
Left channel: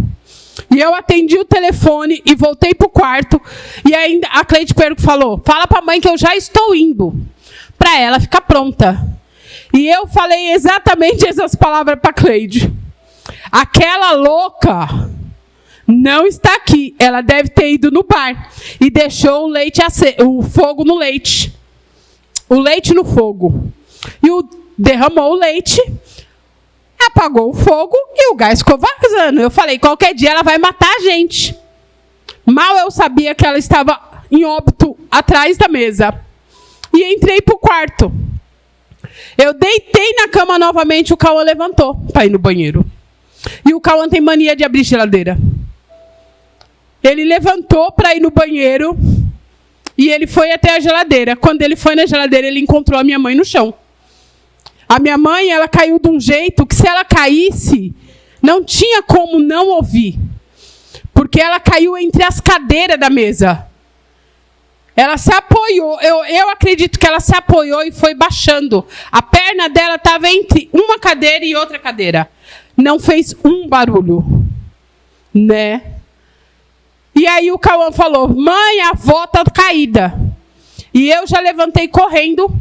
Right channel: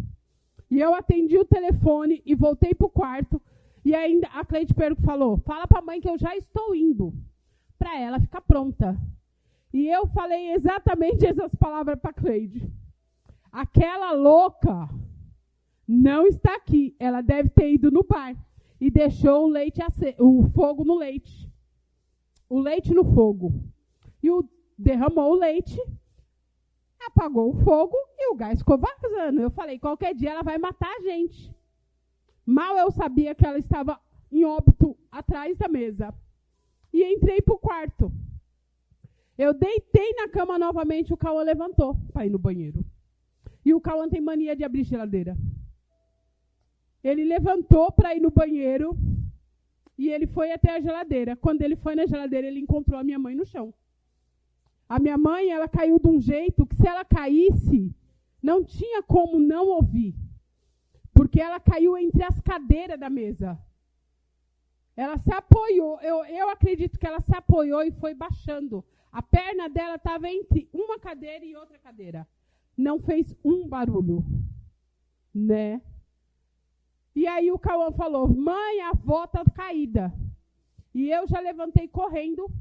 E eu atendi o telefone e voltei para o quarto. E ainda a Cleide falou, fala para a mãe que eu já estou indo, para ela ficar pronta. E eu falei exatamente essas palavras para a Cleide. Aquela louca não está aqui. Ela deve ter ido no bar e deixou o fogo no leite. O leite no fogo. E derramou o leite, apagou o fogo e o gás ficou vazando. Eu falei, qualquer dia ela vai matar a gente. Mal eu sabia que ela estava em óbito atrás da mesa. E entrei para o quarto. Eu deitei na cama novamente, o Cauã levantou para ir no banheiro. E o Cauã tem mania de abrir geladeira. Ele levantou para ir no banheiro e ele foi até a geladeira. Quando ele foi na geladeira, ele encontrou a minha mãe no chão. A minha mãe, ela caiu de um jeito que se ela caísse, não tinha como não ouvir. Porque ela caiu entre as cadeiras da mesa. Ela se apoiou, eu acredito que ela se apoiou e foi baixando. A perna dela estava entre uma cadeira e outra cadeira. Não fez um barulho, né? E aí o Cauã falou, mãe, a avó está caída. E eu já levantei correndo,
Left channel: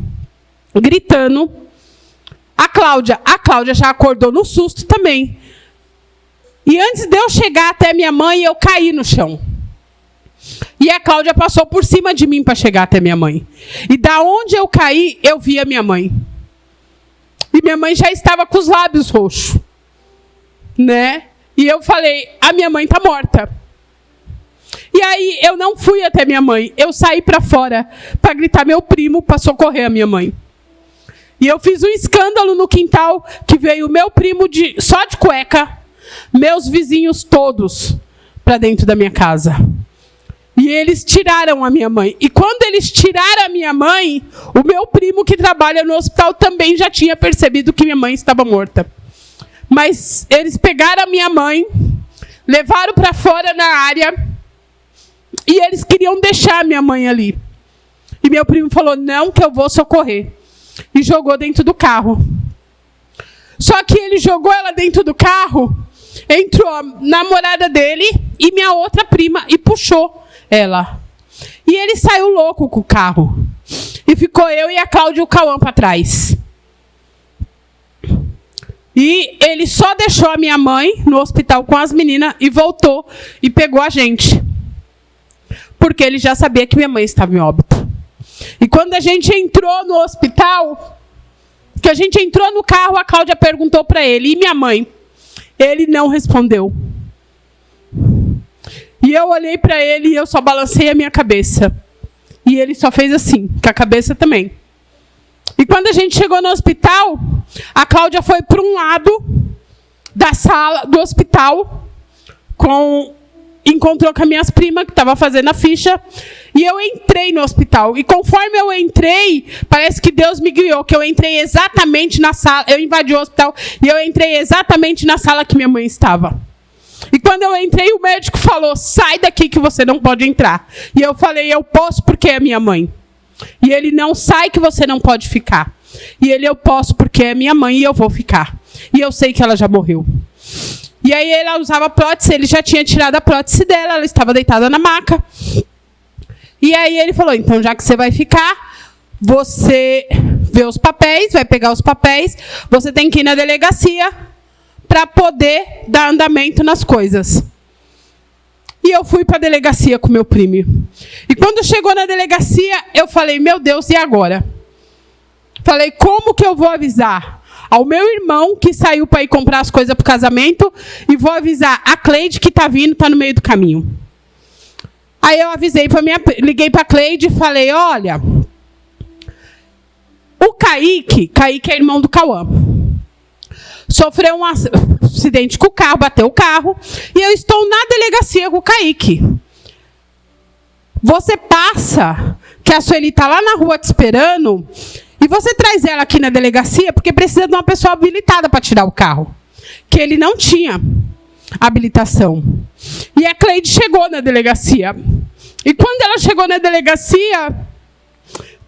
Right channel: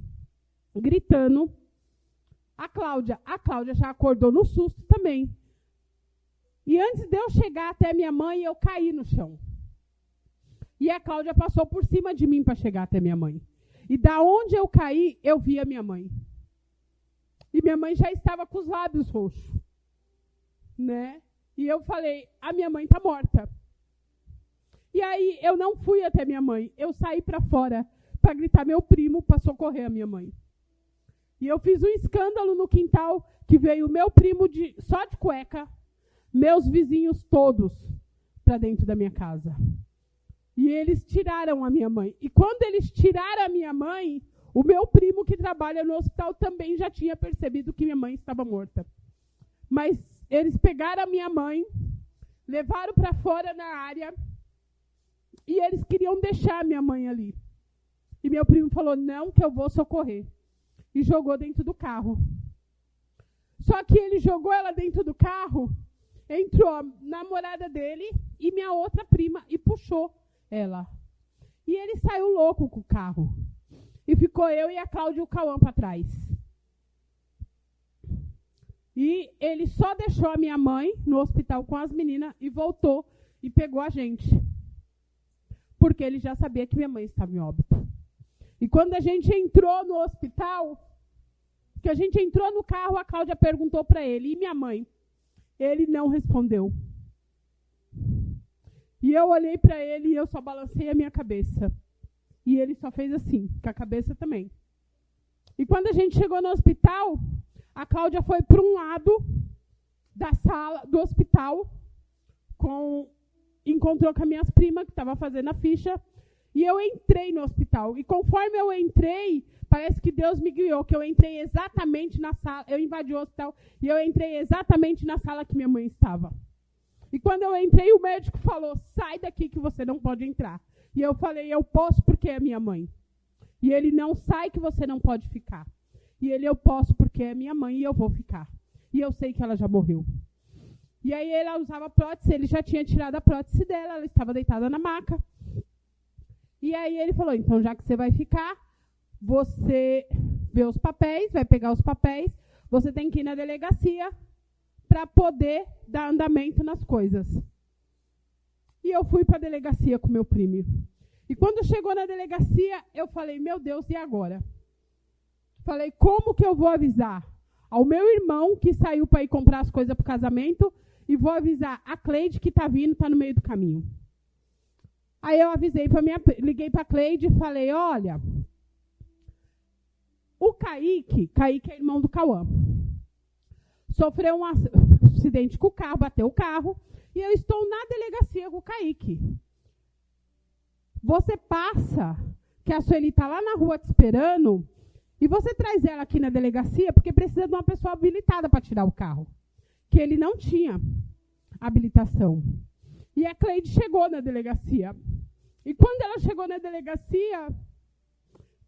gritando. A Cláudia já acordou no susto também. E antes de eu chegar até minha mãe, eu caí no chão. E a Cláudia passou por cima de mim para chegar até minha mãe. E da onde eu caí, eu vi a minha mãe. E minha mãe já estava com os lábios roxos, né? E eu falei, a minha mãe está morta. E aí eu não fui até minha mãe. Eu saí para fora para gritar meu primo para socorrer a minha mãe. E eu fiz um escândalo no quintal que veio meu primo só de cueca, meus vizinhos todos para dentro da minha casa. E eles tiraram a minha mãe. E quando eles tiraram a minha mãe, o meu primo que trabalha no hospital também já tinha percebido que minha mãe estava morta. Mas eles pegaram a minha mãe, levaram para fora na área e eles queriam deixar a minha mãe ali. E meu primo falou, não, que eu vou socorrer. E jogou dentro do carro. Só que ele jogou ela dentro do carro, entrou a namorada dele e minha outra prima e puxou ela. E ele saiu louco com o carro. E ficou eu e a Cláudia e o Cauã para trás. E ele só deixou a minha mãe no hospital com as meninas e voltou e pegou a gente. Porque ele já sabia que minha mãe estava em óbito. E quando a gente entrou no hospital, que a gente entrou no carro, a Cláudia perguntou para ele, e minha mãe? Ele não respondeu. E eu olhei para ele e eu só balancei a minha cabeça. E ele só fez assim, com a cabeça também. E quando a gente chegou no hospital, a Cláudia foi para um lado da sala do hospital, encontrou com as minhas primas, que estavam fazendo a ficha, e eu entrei no hospital. E conforme eu entrei, parece que Deus me guiou, que eu entrei exatamente na sala, eu invadi o hospital, e eu entrei exatamente na sala que minha mãe estava. E quando eu entrei, o médico falou, sai daqui que você não pode entrar. E eu falei, eu posso porque é minha mãe. E ele, não, sai que você não pode ficar. E ele, eu posso porque é minha mãe e eu vou ficar. E eu sei que ela já morreu. E aí ela usava prótese, ele já tinha tirado a prótese dela, ela estava deitada na maca. E aí ele falou, então já que você vai ficar, você vê os papéis, vai pegar os papéis, você tem que ir na delegacia para poder dar andamento nas coisas. E eu fui para a delegacia com meu primo. E quando chegou na delegacia, eu falei, meu Deus, e agora? Falei, como que eu vou avisar ao meu irmão que saiu para ir comprar as coisas para o casamento e vou avisar a Cleide que está vindo, está no meio do caminho. Aí eu liguei para a Cleide e falei, olha, o Kaique é irmão do Cauã. Sofreu um acidente com o carro, bateu o carro, e eu estou na delegacia com o Kaique. Você passa, que a Sueli está lá na rua te esperando, e você traz ela aqui na delegacia, porque precisa de uma pessoa habilitada para tirar o carro. Que ele não tinha habilitação. E a Cleide chegou na delegacia. E quando ela chegou na delegacia,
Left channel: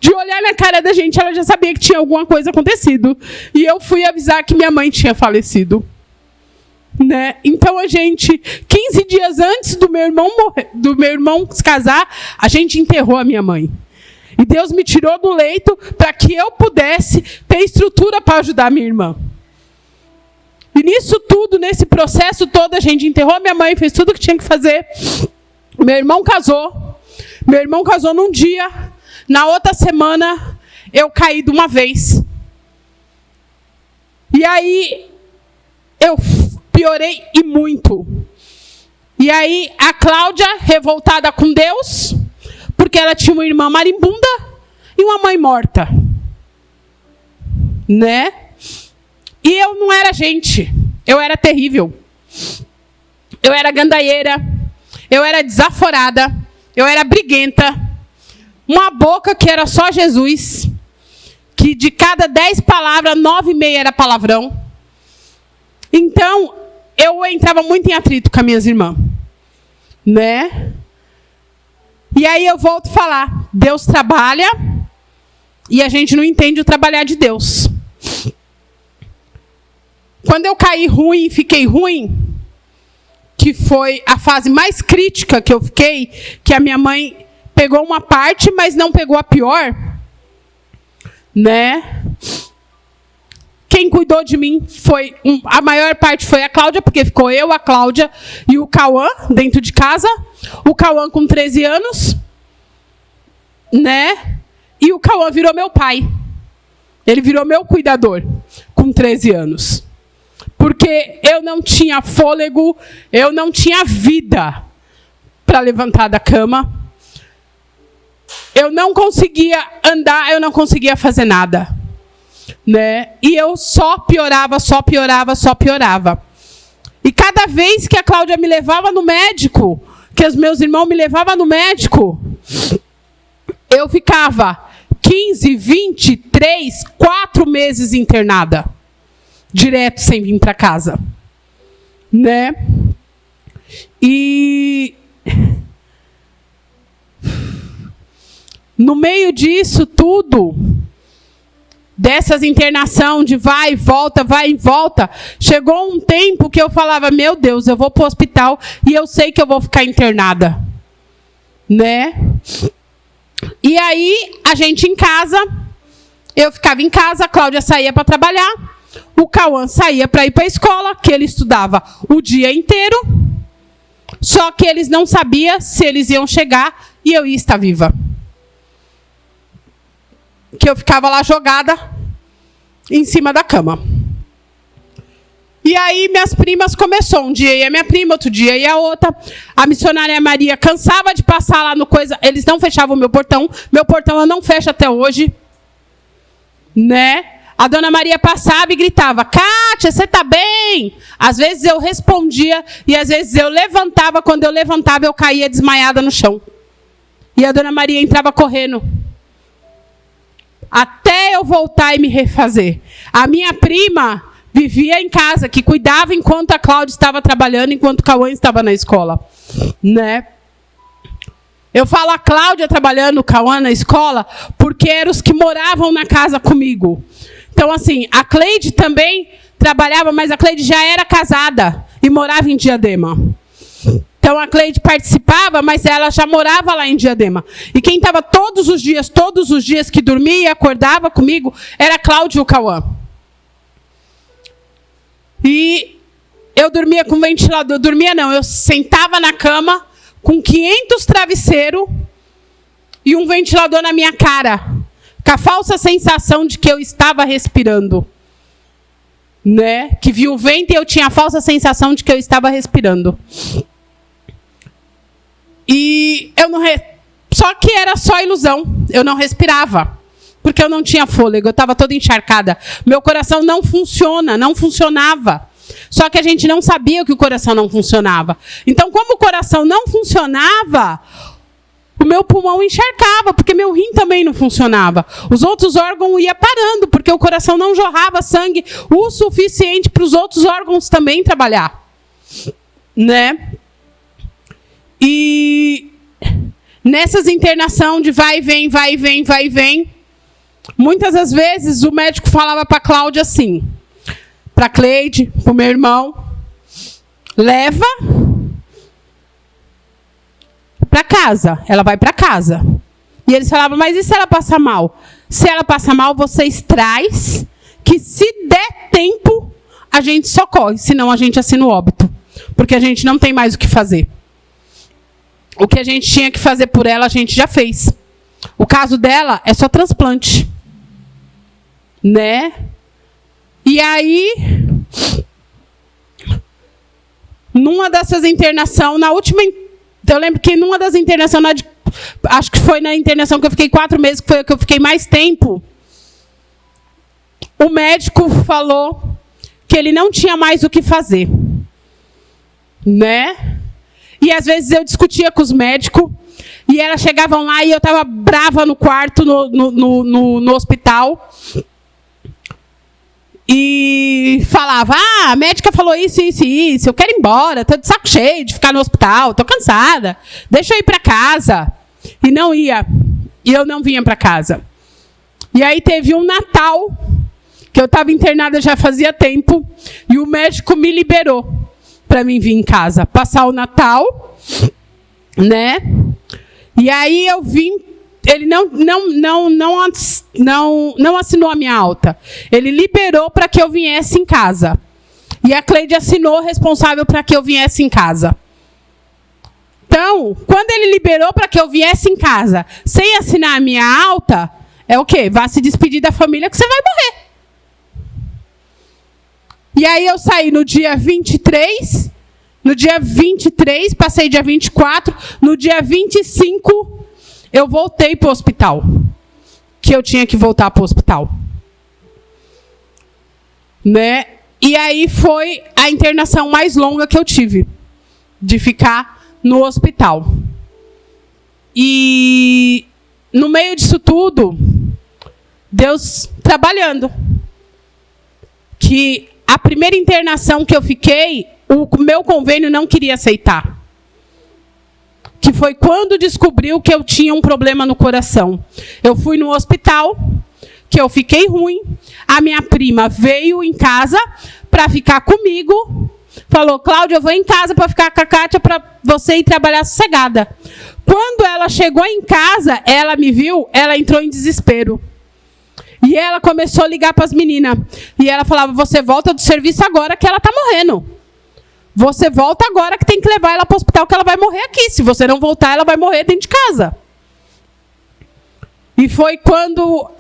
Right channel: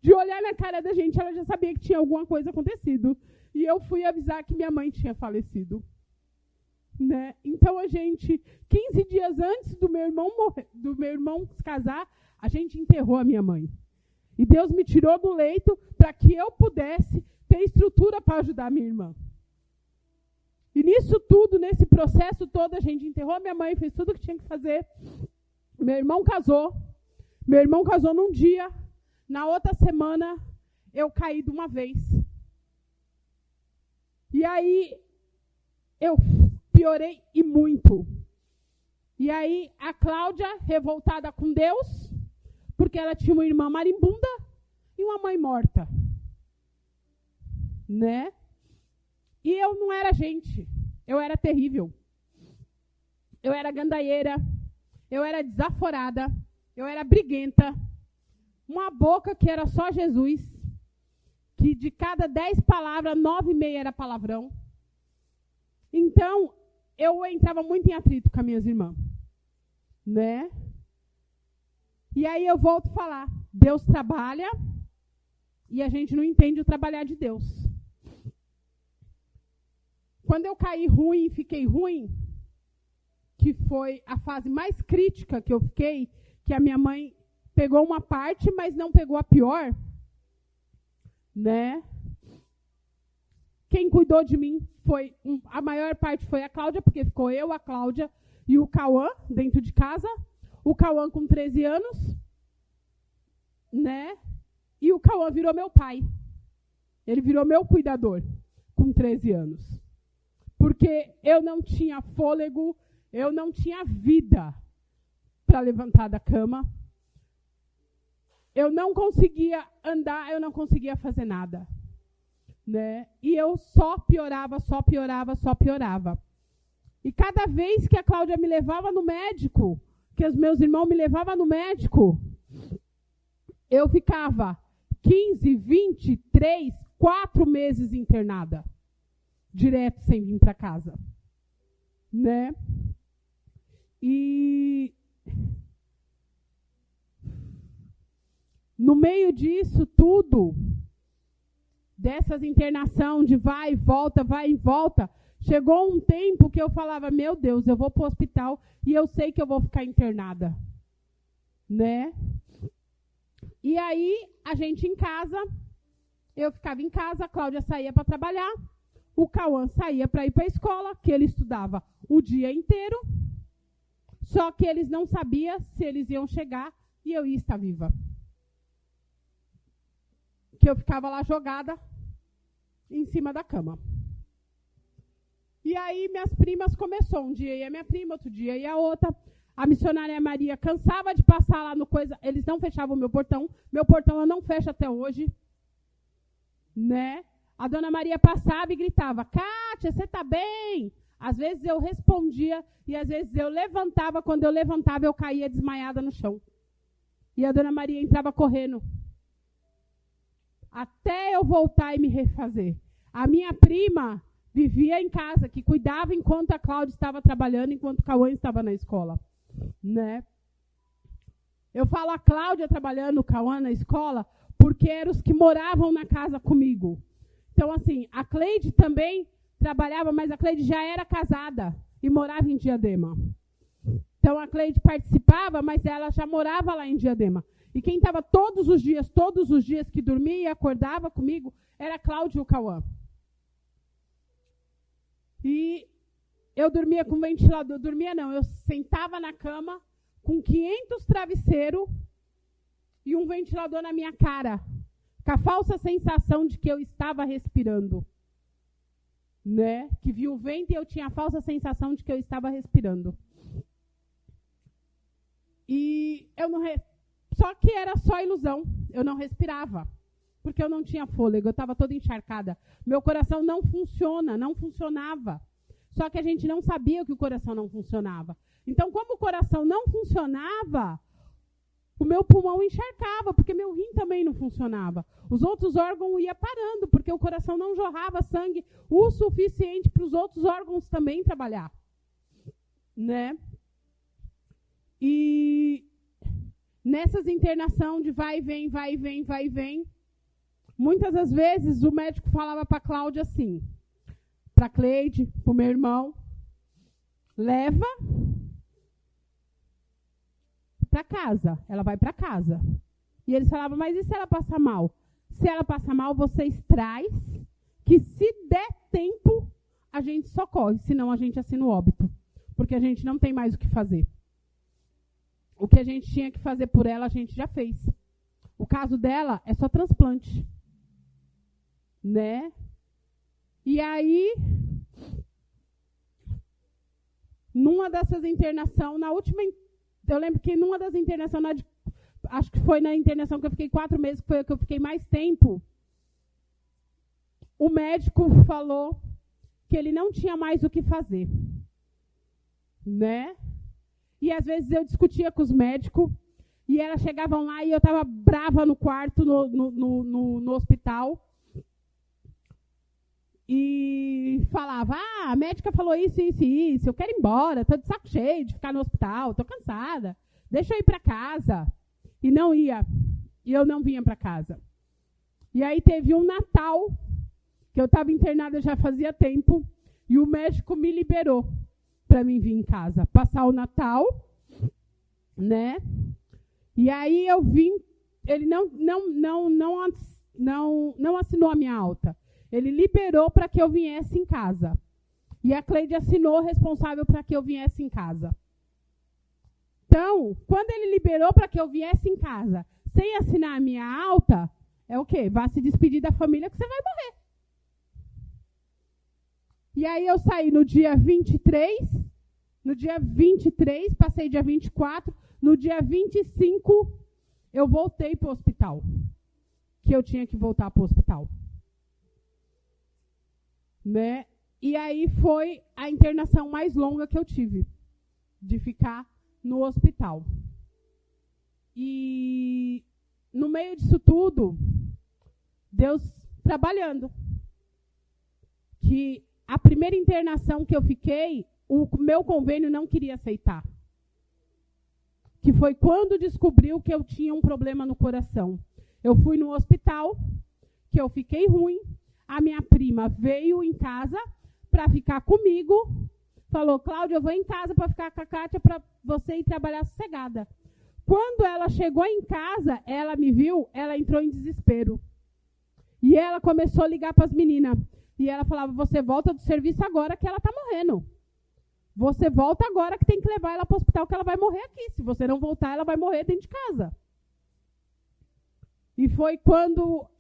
De olhar na cara da gente, ela já sabia que tinha alguma coisa acontecido. E eu fui avisar que minha mãe tinha falecido. Né? Então a gente, 15 dias antes do meu irmão se casar, a gente enterrou a minha mãe. E Deus me tirou do leito para que eu pudesse ter estrutura para ajudar a minha irmã. E nisso tudo, nesse processo todo, a gente enterrou a minha mãe, fez tudo o que tinha que fazer. Meu irmão casou. Meu irmão casou num dia. Na outra semana, eu caí de uma vez. E aí, eu piorei e muito. E aí, a Cláudia, revoltada com Deus, porque ela tinha uma irmã marimbunda e uma mãe morta. Né? E eu não era gente. Eu era terrível. Eu era gandaieira. Eu era desaforada. Eu era briguenta. Uma boca que era só Jesus. Que de cada 10 palavras, 9,5 era palavrão. Então, eu entrava muito em atrito com as minhas irmãs. Né? E aí eu volto a falar. Deus trabalha e a gente não entende o trabalhar de Deus. Quando eu caí ruim, fiquei ruim, que foi a fase mais crítica que eu fiquei, que a minha mãe pegou uma parte, mas não pegou a pior, né? Quem cuidou de mim foi, a maior parte foi a Cláudia, porque ficou eu, a Cláudia e o Cauã dentro de casa. O Cauã com 13 anos, né? E o Cauã virou meu pai. Ele virou meu cuidador com 13 anos. Porque eu não tinha fôlego, eu não tinha vida para levantar da cama. Eu não conseguia andar, eu não conseguia fazer nada. Né? E eu só piorava, só piorava, só piorava. E cada vez que a Cláudia me levava no médico, que os meus irmãos me levavam no médico, eu ficava 15, 20, 3, 4 meses internada. Direto, sem vir para casa. Né? E no meio disso tudo, dessas internação de vai e volta, chegou um tempo que eu falava, meu Deus, eu vou para o hospital e eu sei que eu vou ficar internada. Né? E aí, a gente em casa, eu ficava em casa, a Cláudia saía para trabalhar, o Cauã saía para ir para a escola, que ele estudava o dia inteiro, só que eles não sabiam se eles iam chegar e eu ia estar viva. Que eu ficava lá jogada em cima da cama. E aí minhas primas começou. Um dia ia minha prima, outro dia ia a outra. A missionária Maria cansava de passar lá no coisa. Eles não fechavam o meu portão. Meu portão eu não fecho até hoje. Né? A dona Maria passava e gritava, Kátia, você tá bem? Às vezes eu respondia e às vezes eu levantava. Quando eu levantava, eu caía desmaiada no chão. E a dona Maria entrava correndo. Até eu voltar e me refazer. A minha prima vivia em casa, que cuidava enquanto a Cláudia estava trabalhando, enquanto o Cauã estava na escola. Né? Eu falo a Cláudia trabalhando, o Cauã na escola, porque eram os que moravam na casa comigo. Então, assim, a Cleide também trabalhava, mas a Cleide já era casada e morava em Diadema. Então, a Cleide participava, mas ela já morava lá em Diadema. E quem estava todos os dias que dormia e acordava comigo, era a Cláudia e o Cauã. E eu dormia com ventilador. Dormia não, eu sentava na cama com 500 travesseiros e um ventilador na minha cara. Com a falsa sensação de que eu estava respirando. Né? Que vi o vento e eu tinha a falsa sensação de que eu estava respirando. E eu não... Só que era só ilusão. Eu não respirava. Porque eu não tinha fôlego. Eu estava toda encharcada. Meu coração não funcionava. Só que a gente não sabia que o coração não funcionava. Então, como o coração não funcionava, o meu pulmão encharcava, porque meu rim também não funcionava. Os outros órgãos iam parando, porque o coração não jorrava sangue o suficiente para os outros órgãos também trabalhar. Né? E nessas internações de vai e vem, muitas das vezes o médico falava para a Cláudia assim, para a Cleide, para o meu irmão, leva para casa, ela vai para casa. E eles falavam, mas e se ela passar mal? Se ela passar mal, vocês traz, que se der tempo, a gente socorre, senão a gente assina o óbito. Porque a gente não tem mais o que fazer. O que a gente tinha que fazer por ela, a gente já fez. O caso dela é só transplante. Né? E aí, numa dessas internações, na última, eu lembro que numa das internações, acho que foi na internação que eu fiquei 4 meses, que foi a que eu fiquei mais tempo, o médico falou que ele não tinha mais o que fazer. Né? E às vezes eu discutia com os médicos, e elas chegavam lá e eu estava brava no quarto, no hospital, e falava, a médica falou isso, isso e isso, eu quero ir embora, estou de saco cheio de ficar no hospital, estou cansada, deixa eu ir para casa. E não ia, e eu não vinha para casa. E aí teve um Natal, que eu estava internada já fazia tempo, e o médico me liberou para mim vir em casa, passar o Natal, né? E aí eu vim, ele não assinou a minha alta. Ele liberou para que eu viesse em casa. E a Cleide assinou responsável para que eu viesse em casa. Então, quando ele liberou para que eu viesse em casa, sem assinar a minha alta, é o quê? Vá se despedir da família que você vai morrer. E aí eu saí no dia 23, no dia 23, passei dia 24, no dia 25, eu voltei para o hospital. Que eu tinha que voltar para o hospital. Né? E aí foi a internação mais longa que eu tive, de ficar no hospital. E no meio disso tudo, Deus trabalhando. Que a primeira internação que eu fiquei, o meu convênio não queria aceitar. Que foi quando descobriu que eu tinha um problema no coração. Eu fui no hospital, que eu fiquei ruim, a minha prima veio em casa para ficar comigo, falou, Cláudia, eu vou em casa para ficar com a Kátia para você ir trabalhar sossegada. Quando ela chegou em casa, ela me viu, ela entrou em desespero. E ela começou a ligar para as meninas. E ela falava, você volta do serviço agora que ela está morrendo. Você volta agora que tem que levar ela para o hospital que ela vai morrer aqui. Se você não voltar, ela vai morrer dentro de casa. E foi quando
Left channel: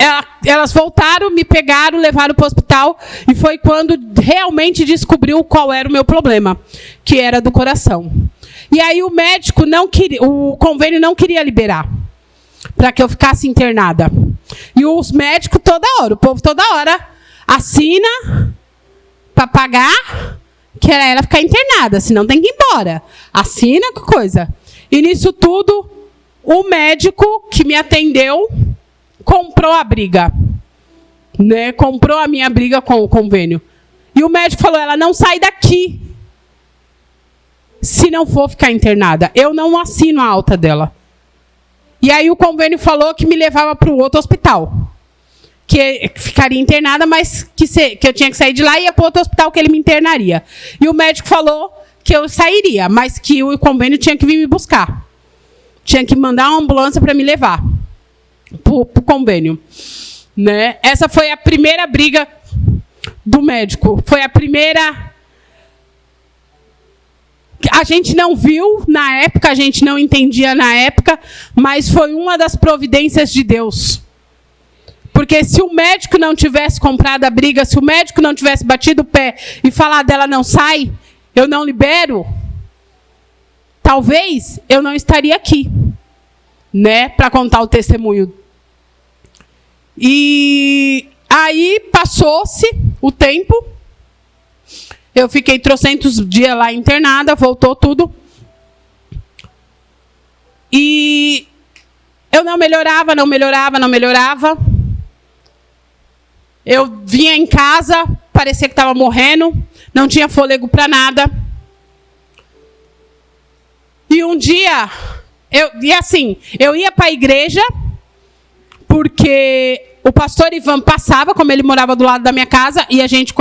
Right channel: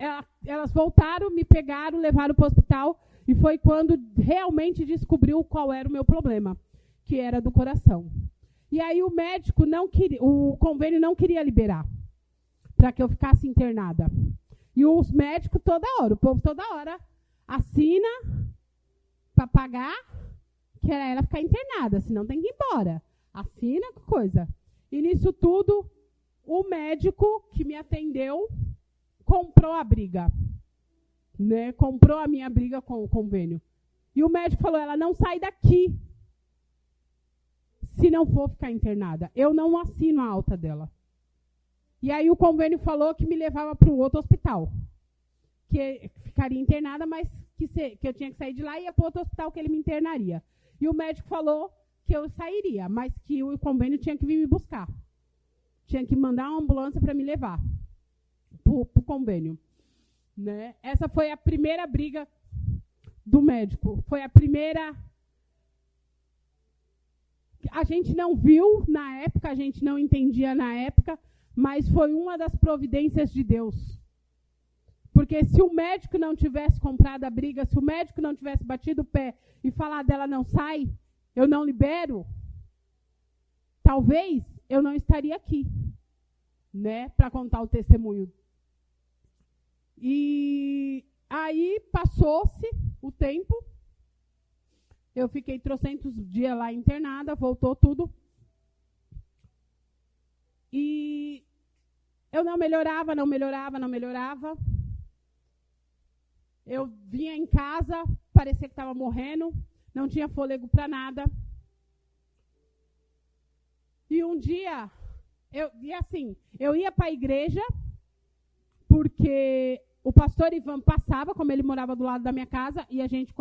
elas voltaram, me pegaram, levaram para o hospital. E foi quando realmente descobriu qual era o meu problema, que era do coração. E aí o médico não queria, o convênio não queria liberar para que eu ficasse internada. E os médicos toda hora, o povo toda hora assina para pagar, que era ela ficar internada, senão tem que ir embora. Assina com coisa. E nisso tudo, o médico que me atendeu comprou a briga. Né? Comprou a minha briga com o convênio. E o médico falou, ela não sai daqui se não for ficar internada. Eu não assino a alta dela. E aí o convênio falou que me levava para o outro hospital. Que ficaria internada, mas que eu tinha que sair de lá e ia para outro hospital que ele me internaria. E o médico falou que eu sairia, mas que o convênio tinha que vir me buscar. Tinha que mandar uma ambulância para me levar para o convênio. Né? Essa foi a primeira briga do médico. Foi a primeira... A gente não viu na época, a gente não entendia na época, mas foi uma das providências de Deus. Porque se o médico não tivesse comprado a briga, se o médico não tivesse batido o pé e falado dela não sai, eu não libero, talvez eu não estaria aqui, né, para contar o testemunho. E aí passou-se o tempo, eu fiquei 300 dias lá internada, voltou tudo. E eu não melhorava, não melhorava, não melhorava. Eu vinha em casa, parecia que estava morrendo, não tinha fôlego para nada. E um dia, eu ia para a igreja, porque o pastor Ivan passava, como ele morava do lado da minha casa, e a gente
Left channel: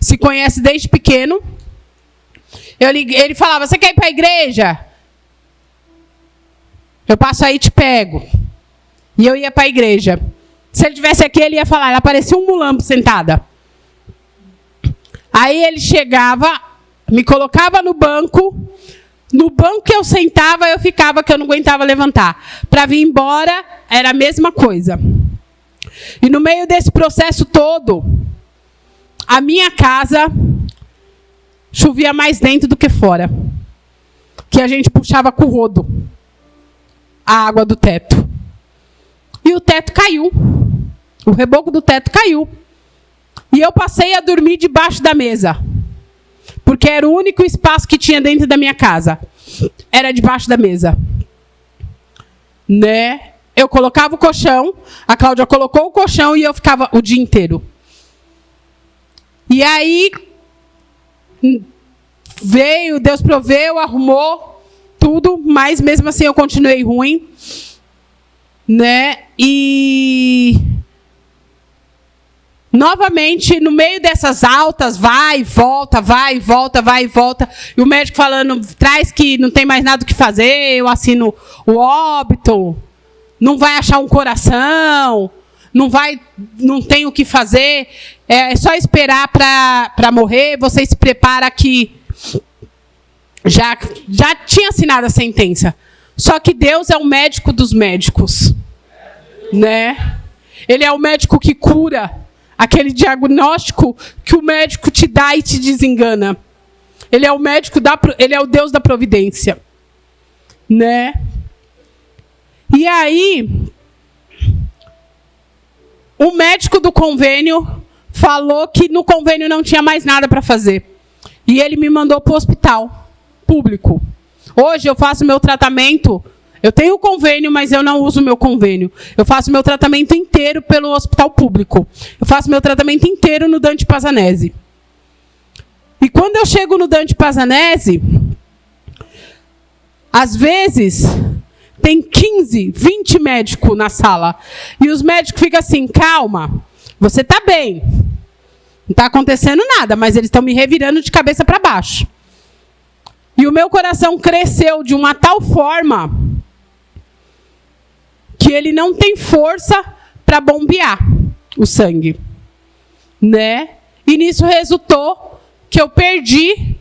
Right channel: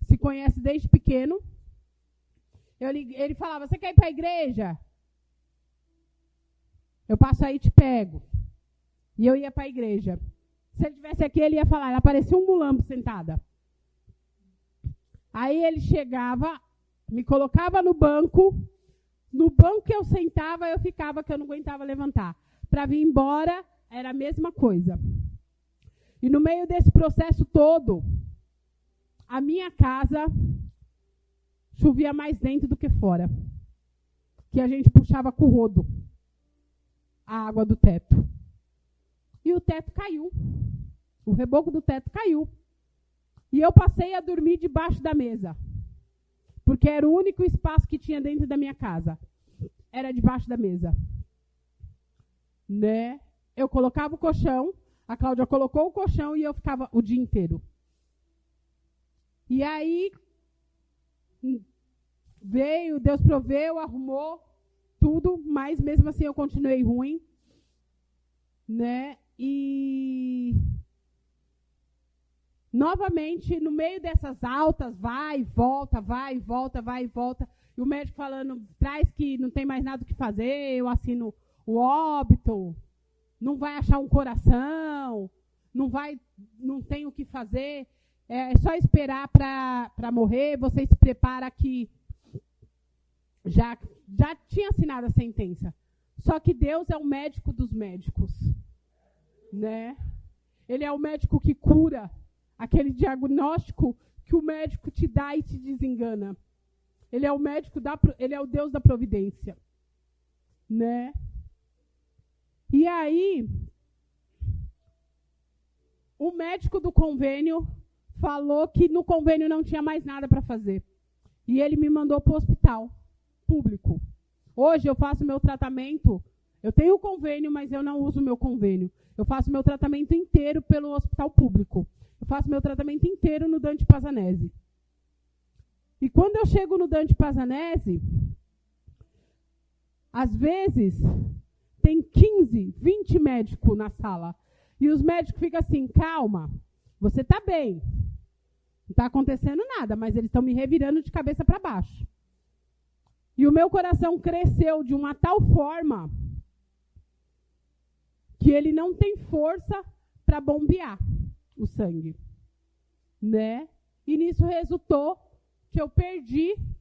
se conhece desde pequeno. Ele falava, você quer ir para a igreja? Eu passo aí e te pego. E eu ia para a igreja. Se ele estivesse aqui, ele ia falar, ela parecia um mulambo sentada. Aí ele chegava, me colocava no banco que eu sentava, eu ficava, que eu não aguentava levantar. Para vir embora, era a mesma coisa. E no meio desse processo todo, a minha casa chovia mais dentro do que fora. Que a gente puxava com o rodo a água do teto. E o teto caiu. O reboco do teto caiu. E eu passei a dormir debaixo da mesa. Porque era o único espaço que tinha dentro da minha casa. Era debaixo da mesa. Né? Eu colocava o colchão, a Cláudia colocou o colchão e eu ficava o dia inteiro. E aí, veio, Deus proveu, arrumou tudo, mas mesmo assim eu continuei ruim. Né? E novamente, no meio dessas altas, vai e volta, vai e volta, vai e volta. E o médico falando, traz que não tem mais nada o que fazer, eu assino o óbito. Não vai achar um coração, não tem o que fazer, é só esperar para morrer, você se prepara que já tinha assinado a sentença. Só que Deus é o médico dos médicos, né? Ele é o médico que cura, aquele diagnóstico que o médico te dá e te desengana. Ele é o médico ele é o Deus da providência, né? E aí, o médico do convênio falou que no convênio não tinha mais nada para fazer. E ele me mandou para o hospital público. Hoje eu faço meu tratamento, eu tenho convênio, mas eu não uso meu convênio. Eu faço meu tratamento inteiro pelo hospital público. Eu faço meu tratamento inteiro no Dante Pazanese. E quando eu chego no Dante Pazanese, às vezes tem 15, 20 médicos na sala. E os médicos ficam assim, calma, você está bem. Não está acontecendo nada, mas eles estão me revirando de cabeça para baixo. E o meu coração cresceu de uma tal forma que ele não tem força para bombear o sangue. Né? E nisso resultou que eu perdi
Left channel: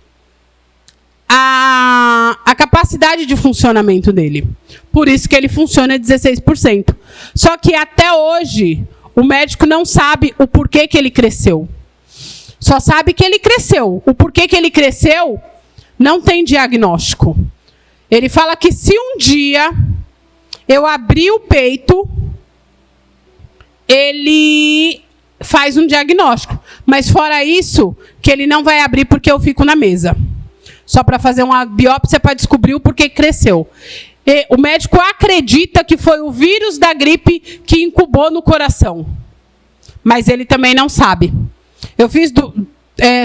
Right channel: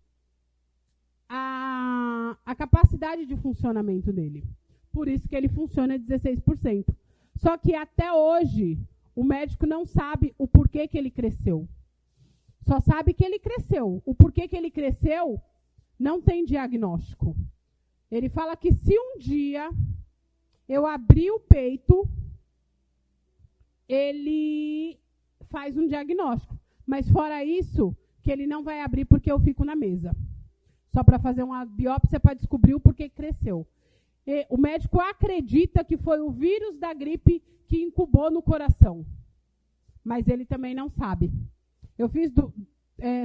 a capacidade de funcionamento dele. Por isso que ele funciona 16%. Só que até hoje, o médico não sabe o porquê que ele cresceu. Só sabe que ele cresceu. O porquê que ele cresceu, não tem diagnóstico. Ele fala que se um dia eu abrir o peito, ele faz um diagnóstico. Mas fora isso, que ele não vai abrir porque eu fico na mesa. Só para fazer uma biópsia para descobrir o porquê cresceu. E o médico acredita que foi o vírus da gripe que incubou no coração. Mas ele também não sabe. Eu fiz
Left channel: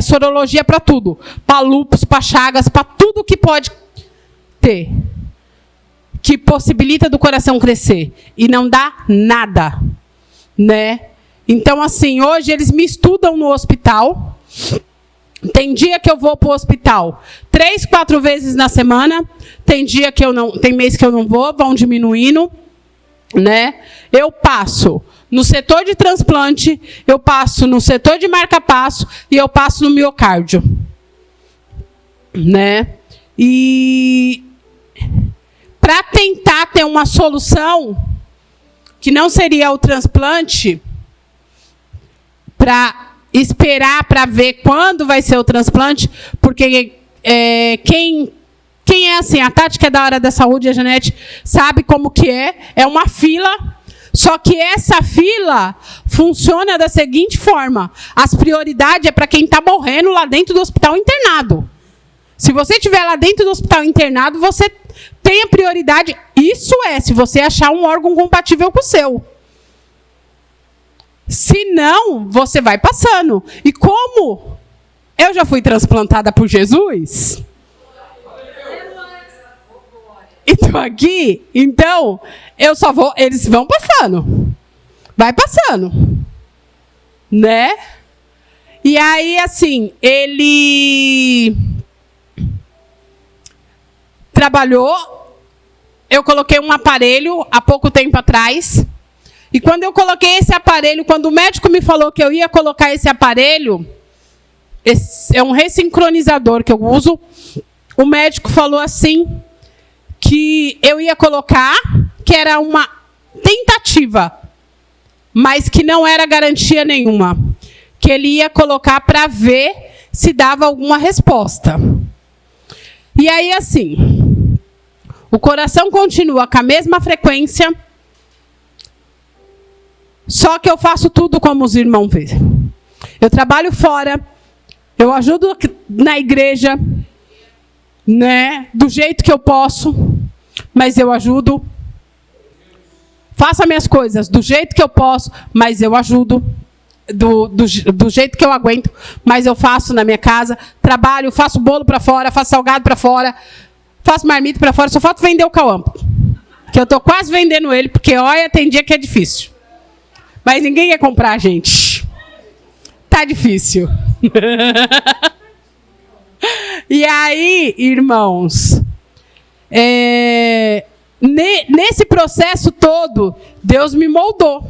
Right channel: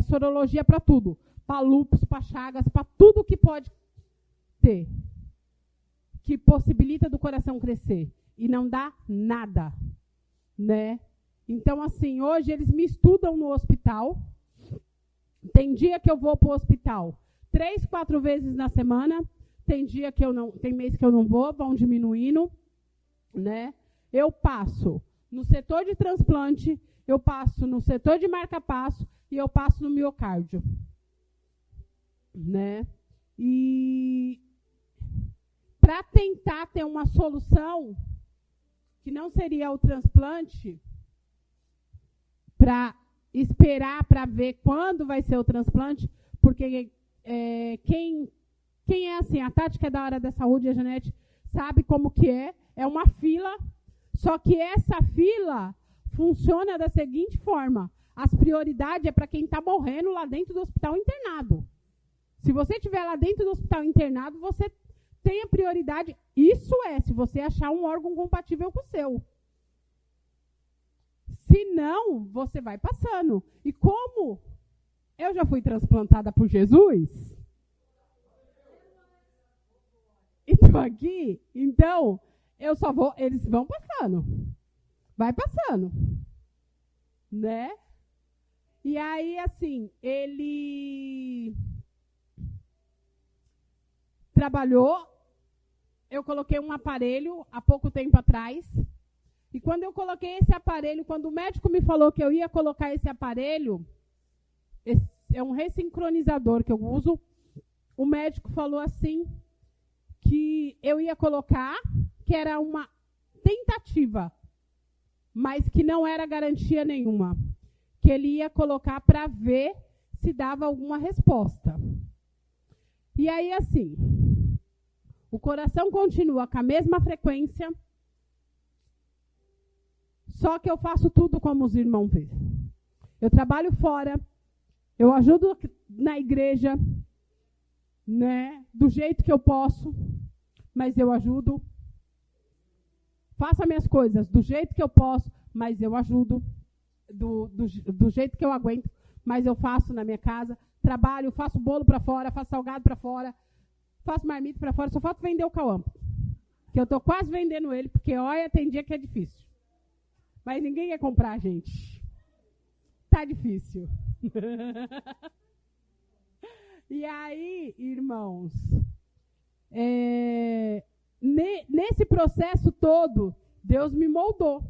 sorologia para tudo. Para lúpus, para chagas, para tudo que pode ter. Que possibilita do coração crescer. E não dá nada. Né? Então, assim, hoje eles me estudam no hospital. Tem dia que eu vou para o hospital 3, 4 vezes na semana. Tem dia que eu não, tem mês que eu não vou, vão diminuindo, né? Eu passo no setor de transplante, eu passo no setor de marca-passo e eu passo no miocárdio, né? E para tentar ter uma solução que não seria o transplante, para esperar para ver quando vai ser o transplante, porque quem é assim, a Tática é da área da saúde, a Janete sabe como que é uma fila, só que essa fila funciona da seguinte forma, as prioridades é para quem está morrendo lá dentro do hospital internado. Se você estiver lá dentro do hospital internado, você tem a prioridade, isso se você achar um órgão compatível com o seu. Se não, você vai passando. E como eu já fui transplantada por Jesus, e estou aqui, então, eu só vou, eles vão passando. vai passando, né? E aí, assim, ele trabalhou, eu coloquei um aparelho há pouco tempo atrás, e quando eu coloquei esse aparelho, quando o médico me falou que eu ia colocar esse aparelho, é um ressincronizador que eu uso, o médico falou assim, que eu ia colocar, que era uma tentativa, mas que não era garantia nenhuma, que ele ia colocar para ver se dava alguma resposta. E aí, assim, o coração continua com a mesma frequência, só que eu faço tudo como os irmãos veem. Eu trabalho fora, eu ajudo na igreja, né, do jeito que eu posso, mas eu ajudo. Faço as minhas coisas do jeito que eu posso, mas eu ajudo. Do jeito que eu aguento, mas eu faço na minha casa. Trabalho, faço bolo para fora, faço salgado para fora, faço marmita para fora, só falta vender o Cauampo. Que eu estou quase vendendo ele, porque, olha, tem dia que é difícil. Mas ninguém quer comprar, gente. Tá difícil. E aí, irmãos, nesse processo todo, Deus me moldou.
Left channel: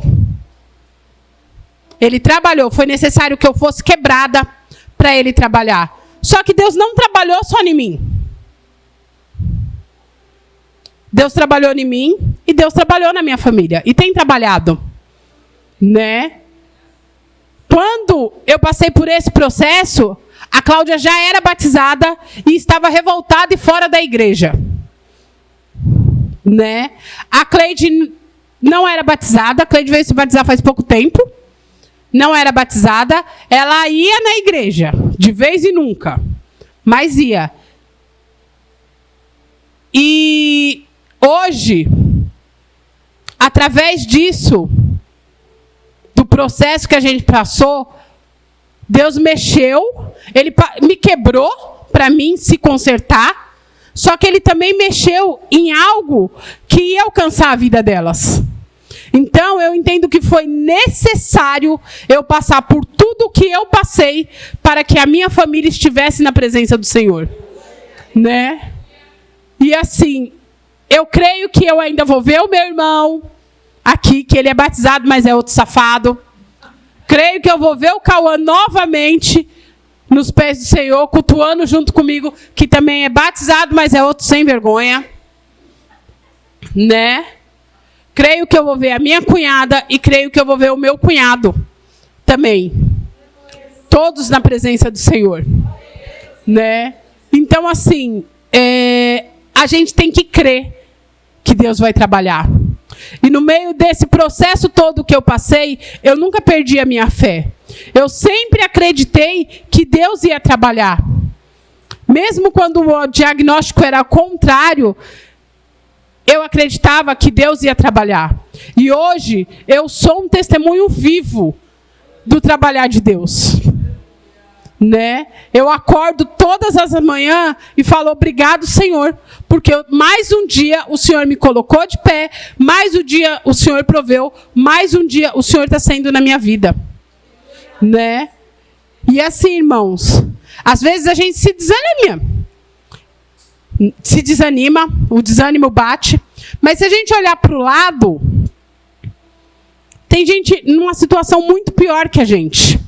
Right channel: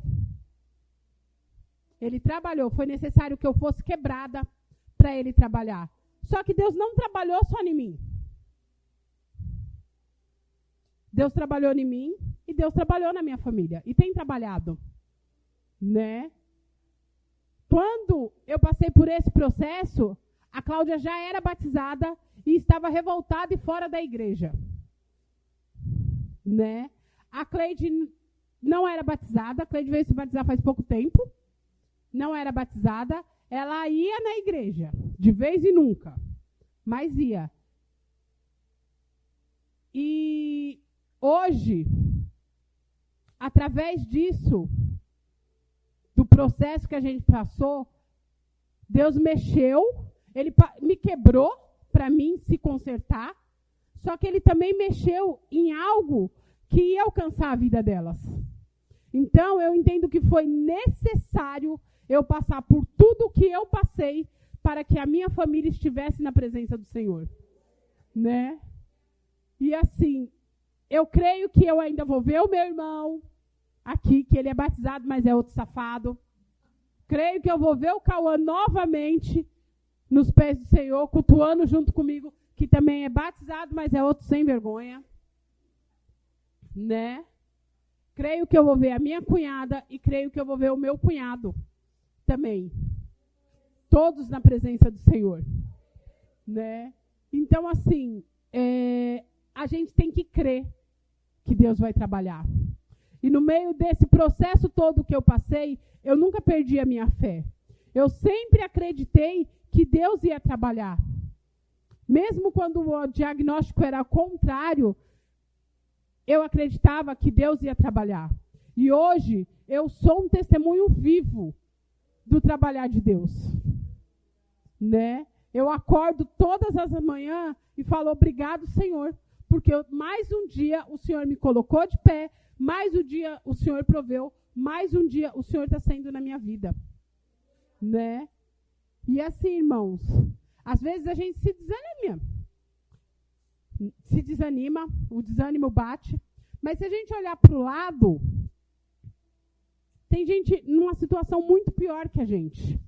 Ele trabalhou, foi necessário que eu fosse quebrada para ele trabalhar. Só que Deus não trabalhou só em mim. Deus trabalhou em mim e Deus trabalhou na minha família. E tem trabalhado, né? Quando eu passei por esse processo, a Cláudia já era batizada e estava revoltada e fora da igreja, né? A Cleide não era batizada, a Cleide veio se batizar faz pouco tempo. Não era batizada, ela ia na igreja, de vez em nunca, mas ia. E hoje, através disso, do processo que a gente passou, Deus mexeu, Ele me quebrou para mim se consertar, só que Ele também mexeu em algo que ia alcançar a vida delas. Então, eu entendo que foi necessário eu passar por tudo o que eu passei para que a minha família estivesse na presença do Senhor, né? E assim, eu creio que eu ainda vou ver o meu irmão aqui, que ele é batizado, mas é outro safado. Creio que eu vou ver o Cauã novamente nos pés do Senhor, cultuando junto comigo, que também é batizado, mas é outro sem vergonha, né? Creio que eu vou ver a minha cunhada e creio que eu vou ver o meu cunhado também. Todos na presença do Senhor, né? Então, assim, a gente tem que crer que Deus vai trabalhar. E no meio desse processo todo que eu passei, eu nunca perdi a minha fé. Eu sempre acreditei que Deus ia trabalhar. Mesmo quando o diagnóstico era contrário, eu acreditava que Deus ia trabalhar. E hoje, eu sou um testemunho vivo do trabalhar de Deus, né? Eu acordo todas as manhãs e falo, obrigado, Senhor, porque mais um dia o Senhor me colocou de pé, mais um dia o Senhor proveu, mais um dia o Senhor está sendo na minha vida, né? E assim, irmãos, às vezes a gente se desanima, o desânimo bate, mas se a gente olhar para o lado, tem gente numa situação muito pior que a gente.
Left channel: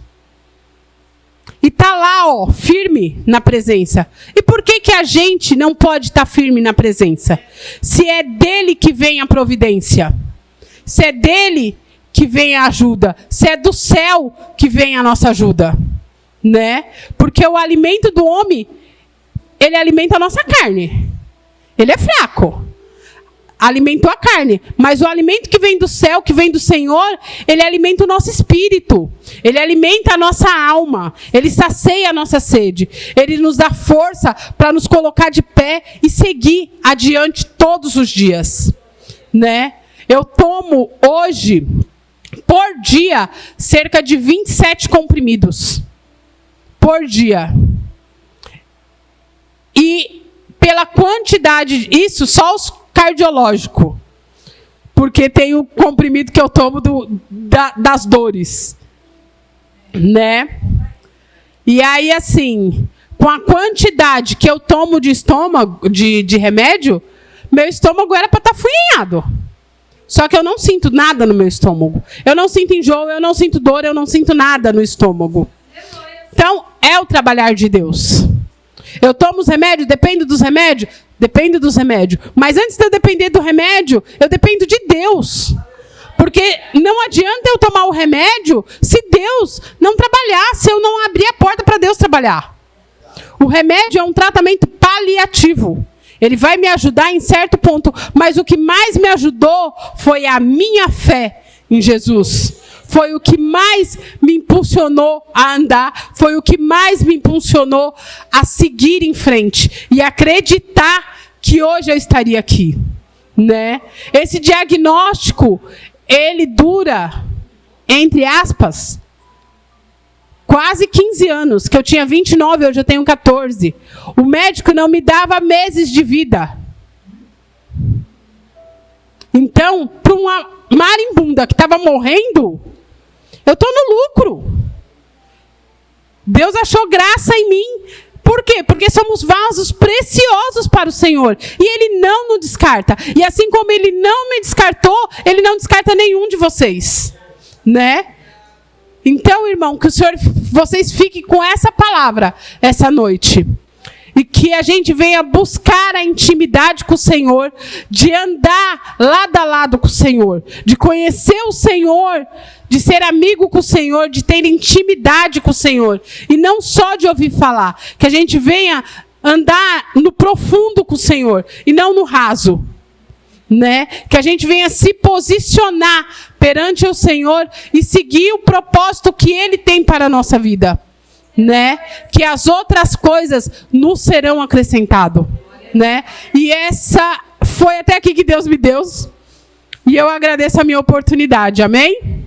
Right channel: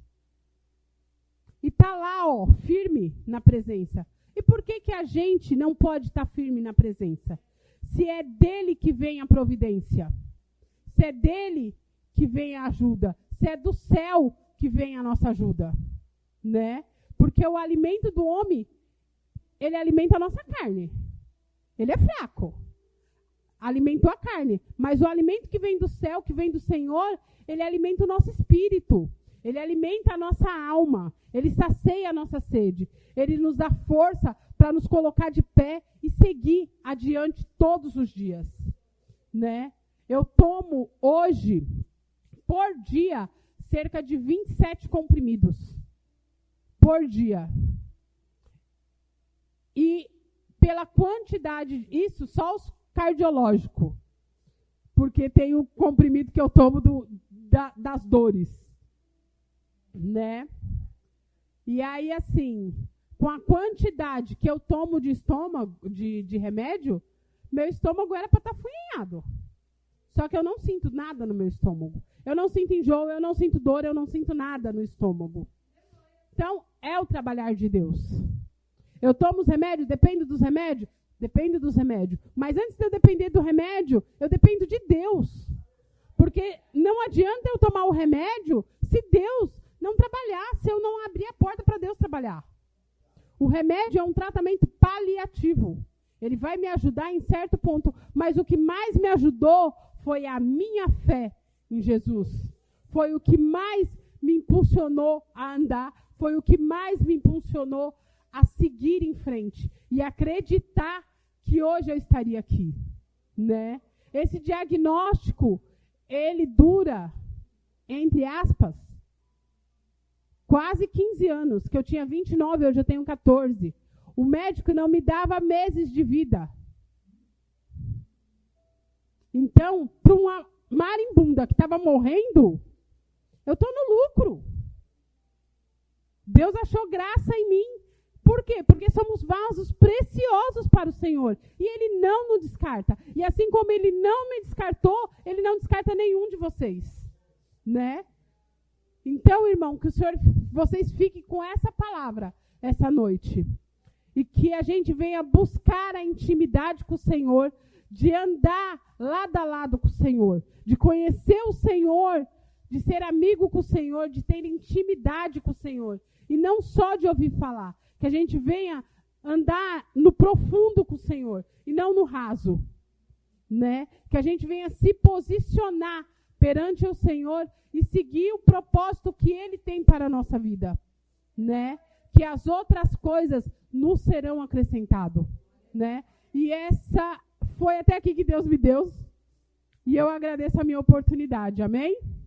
E está lá, ó, firme na presença. E por que que a gente não pode estar firme na presença? Se é dele que vem a providência, se é dele que vem a ajuda, se é do céu que vem a nossa ajuda, né? Porque o alimento do homem, ele alimenta a nossa carne. Ele é fraco. Alimentou a carne. Mas o alimento que vem do céu, que vem do Senhor, ele alimenta o nosso espírito. Ele alimenta a nossa alma. Ele sacia a nossa sede. Ele nos dá força para nos colocar de pé e seguir adiante todos os dias, né? Eu tomo hoje, por dia, cerca de 27 comprimidos. Por dia. E pela quantidade, isso só os cardiológicos. porque tem o comprimido que eu tomo das dores, né? E aí, assim, com a quantidade que eu tomo de remédio, meu estômago era para estar afunhado. Só que eu não sinto nada no meu estômago. Eu não sinto enjoo, eu não sinto dor, eu não sinto nada no estômago. Então, é o trabalhar de Deus. Eu tomo os remédios, dependo dos remédios? Dependo dos remédios. Mas antes de eu depender do remédio, eu dependo de Deus. Porque não adianta eu tomar o remédio se Deus não trabalhar, se eu não abrir a porta para Deus trabalhar. O remédio é um tratamento paliativo. Ele vai me ajudar em certo ponto, mas o que mais me ajudou foi a minha fé em Jesus. Foi o que mais me impulsionou a andar, foi o que mais me impulsionou a seguir em frente e acreditar que hoje eu estaria aqui, né? Esse diagnóstico, ele dura, entre aspas, quase 15 anos, que eu tinha 29, hoje eu tenho 14. O médico não me dava meses de vida. Então, para uma marimbunda que estava morrendo, eu estou no lucro. Deus achou graça em mim. Por quê? Porque somos vasos preciosos para o Senhor. E Ele não nos descarta. E assim como Ele não me descartou, Ele não descarta nenhum de vocês. Né? Então, irmão, que vocês fiquem com essa palavra essa noite. E que a gente venha buscar a intimidade com o Senhor, de andar lado a lado com o Senhor, de conhecer o Senhor, de ser amigo com o Senhor, de ter intimidade com o Senhor. E não só de ouvir falar. Que a gente venha andar no profundo com o Senhor e não no raso. Né? Que a gente venha se posicionar perante o Senhor e seguir o propósito que Ele tem para a nossa vida, né? Que as outras coisas nos serão acrescentadas, né? E essa foi até aqui que Deus me deu, e eu agradeço a minha oportunidade, amém?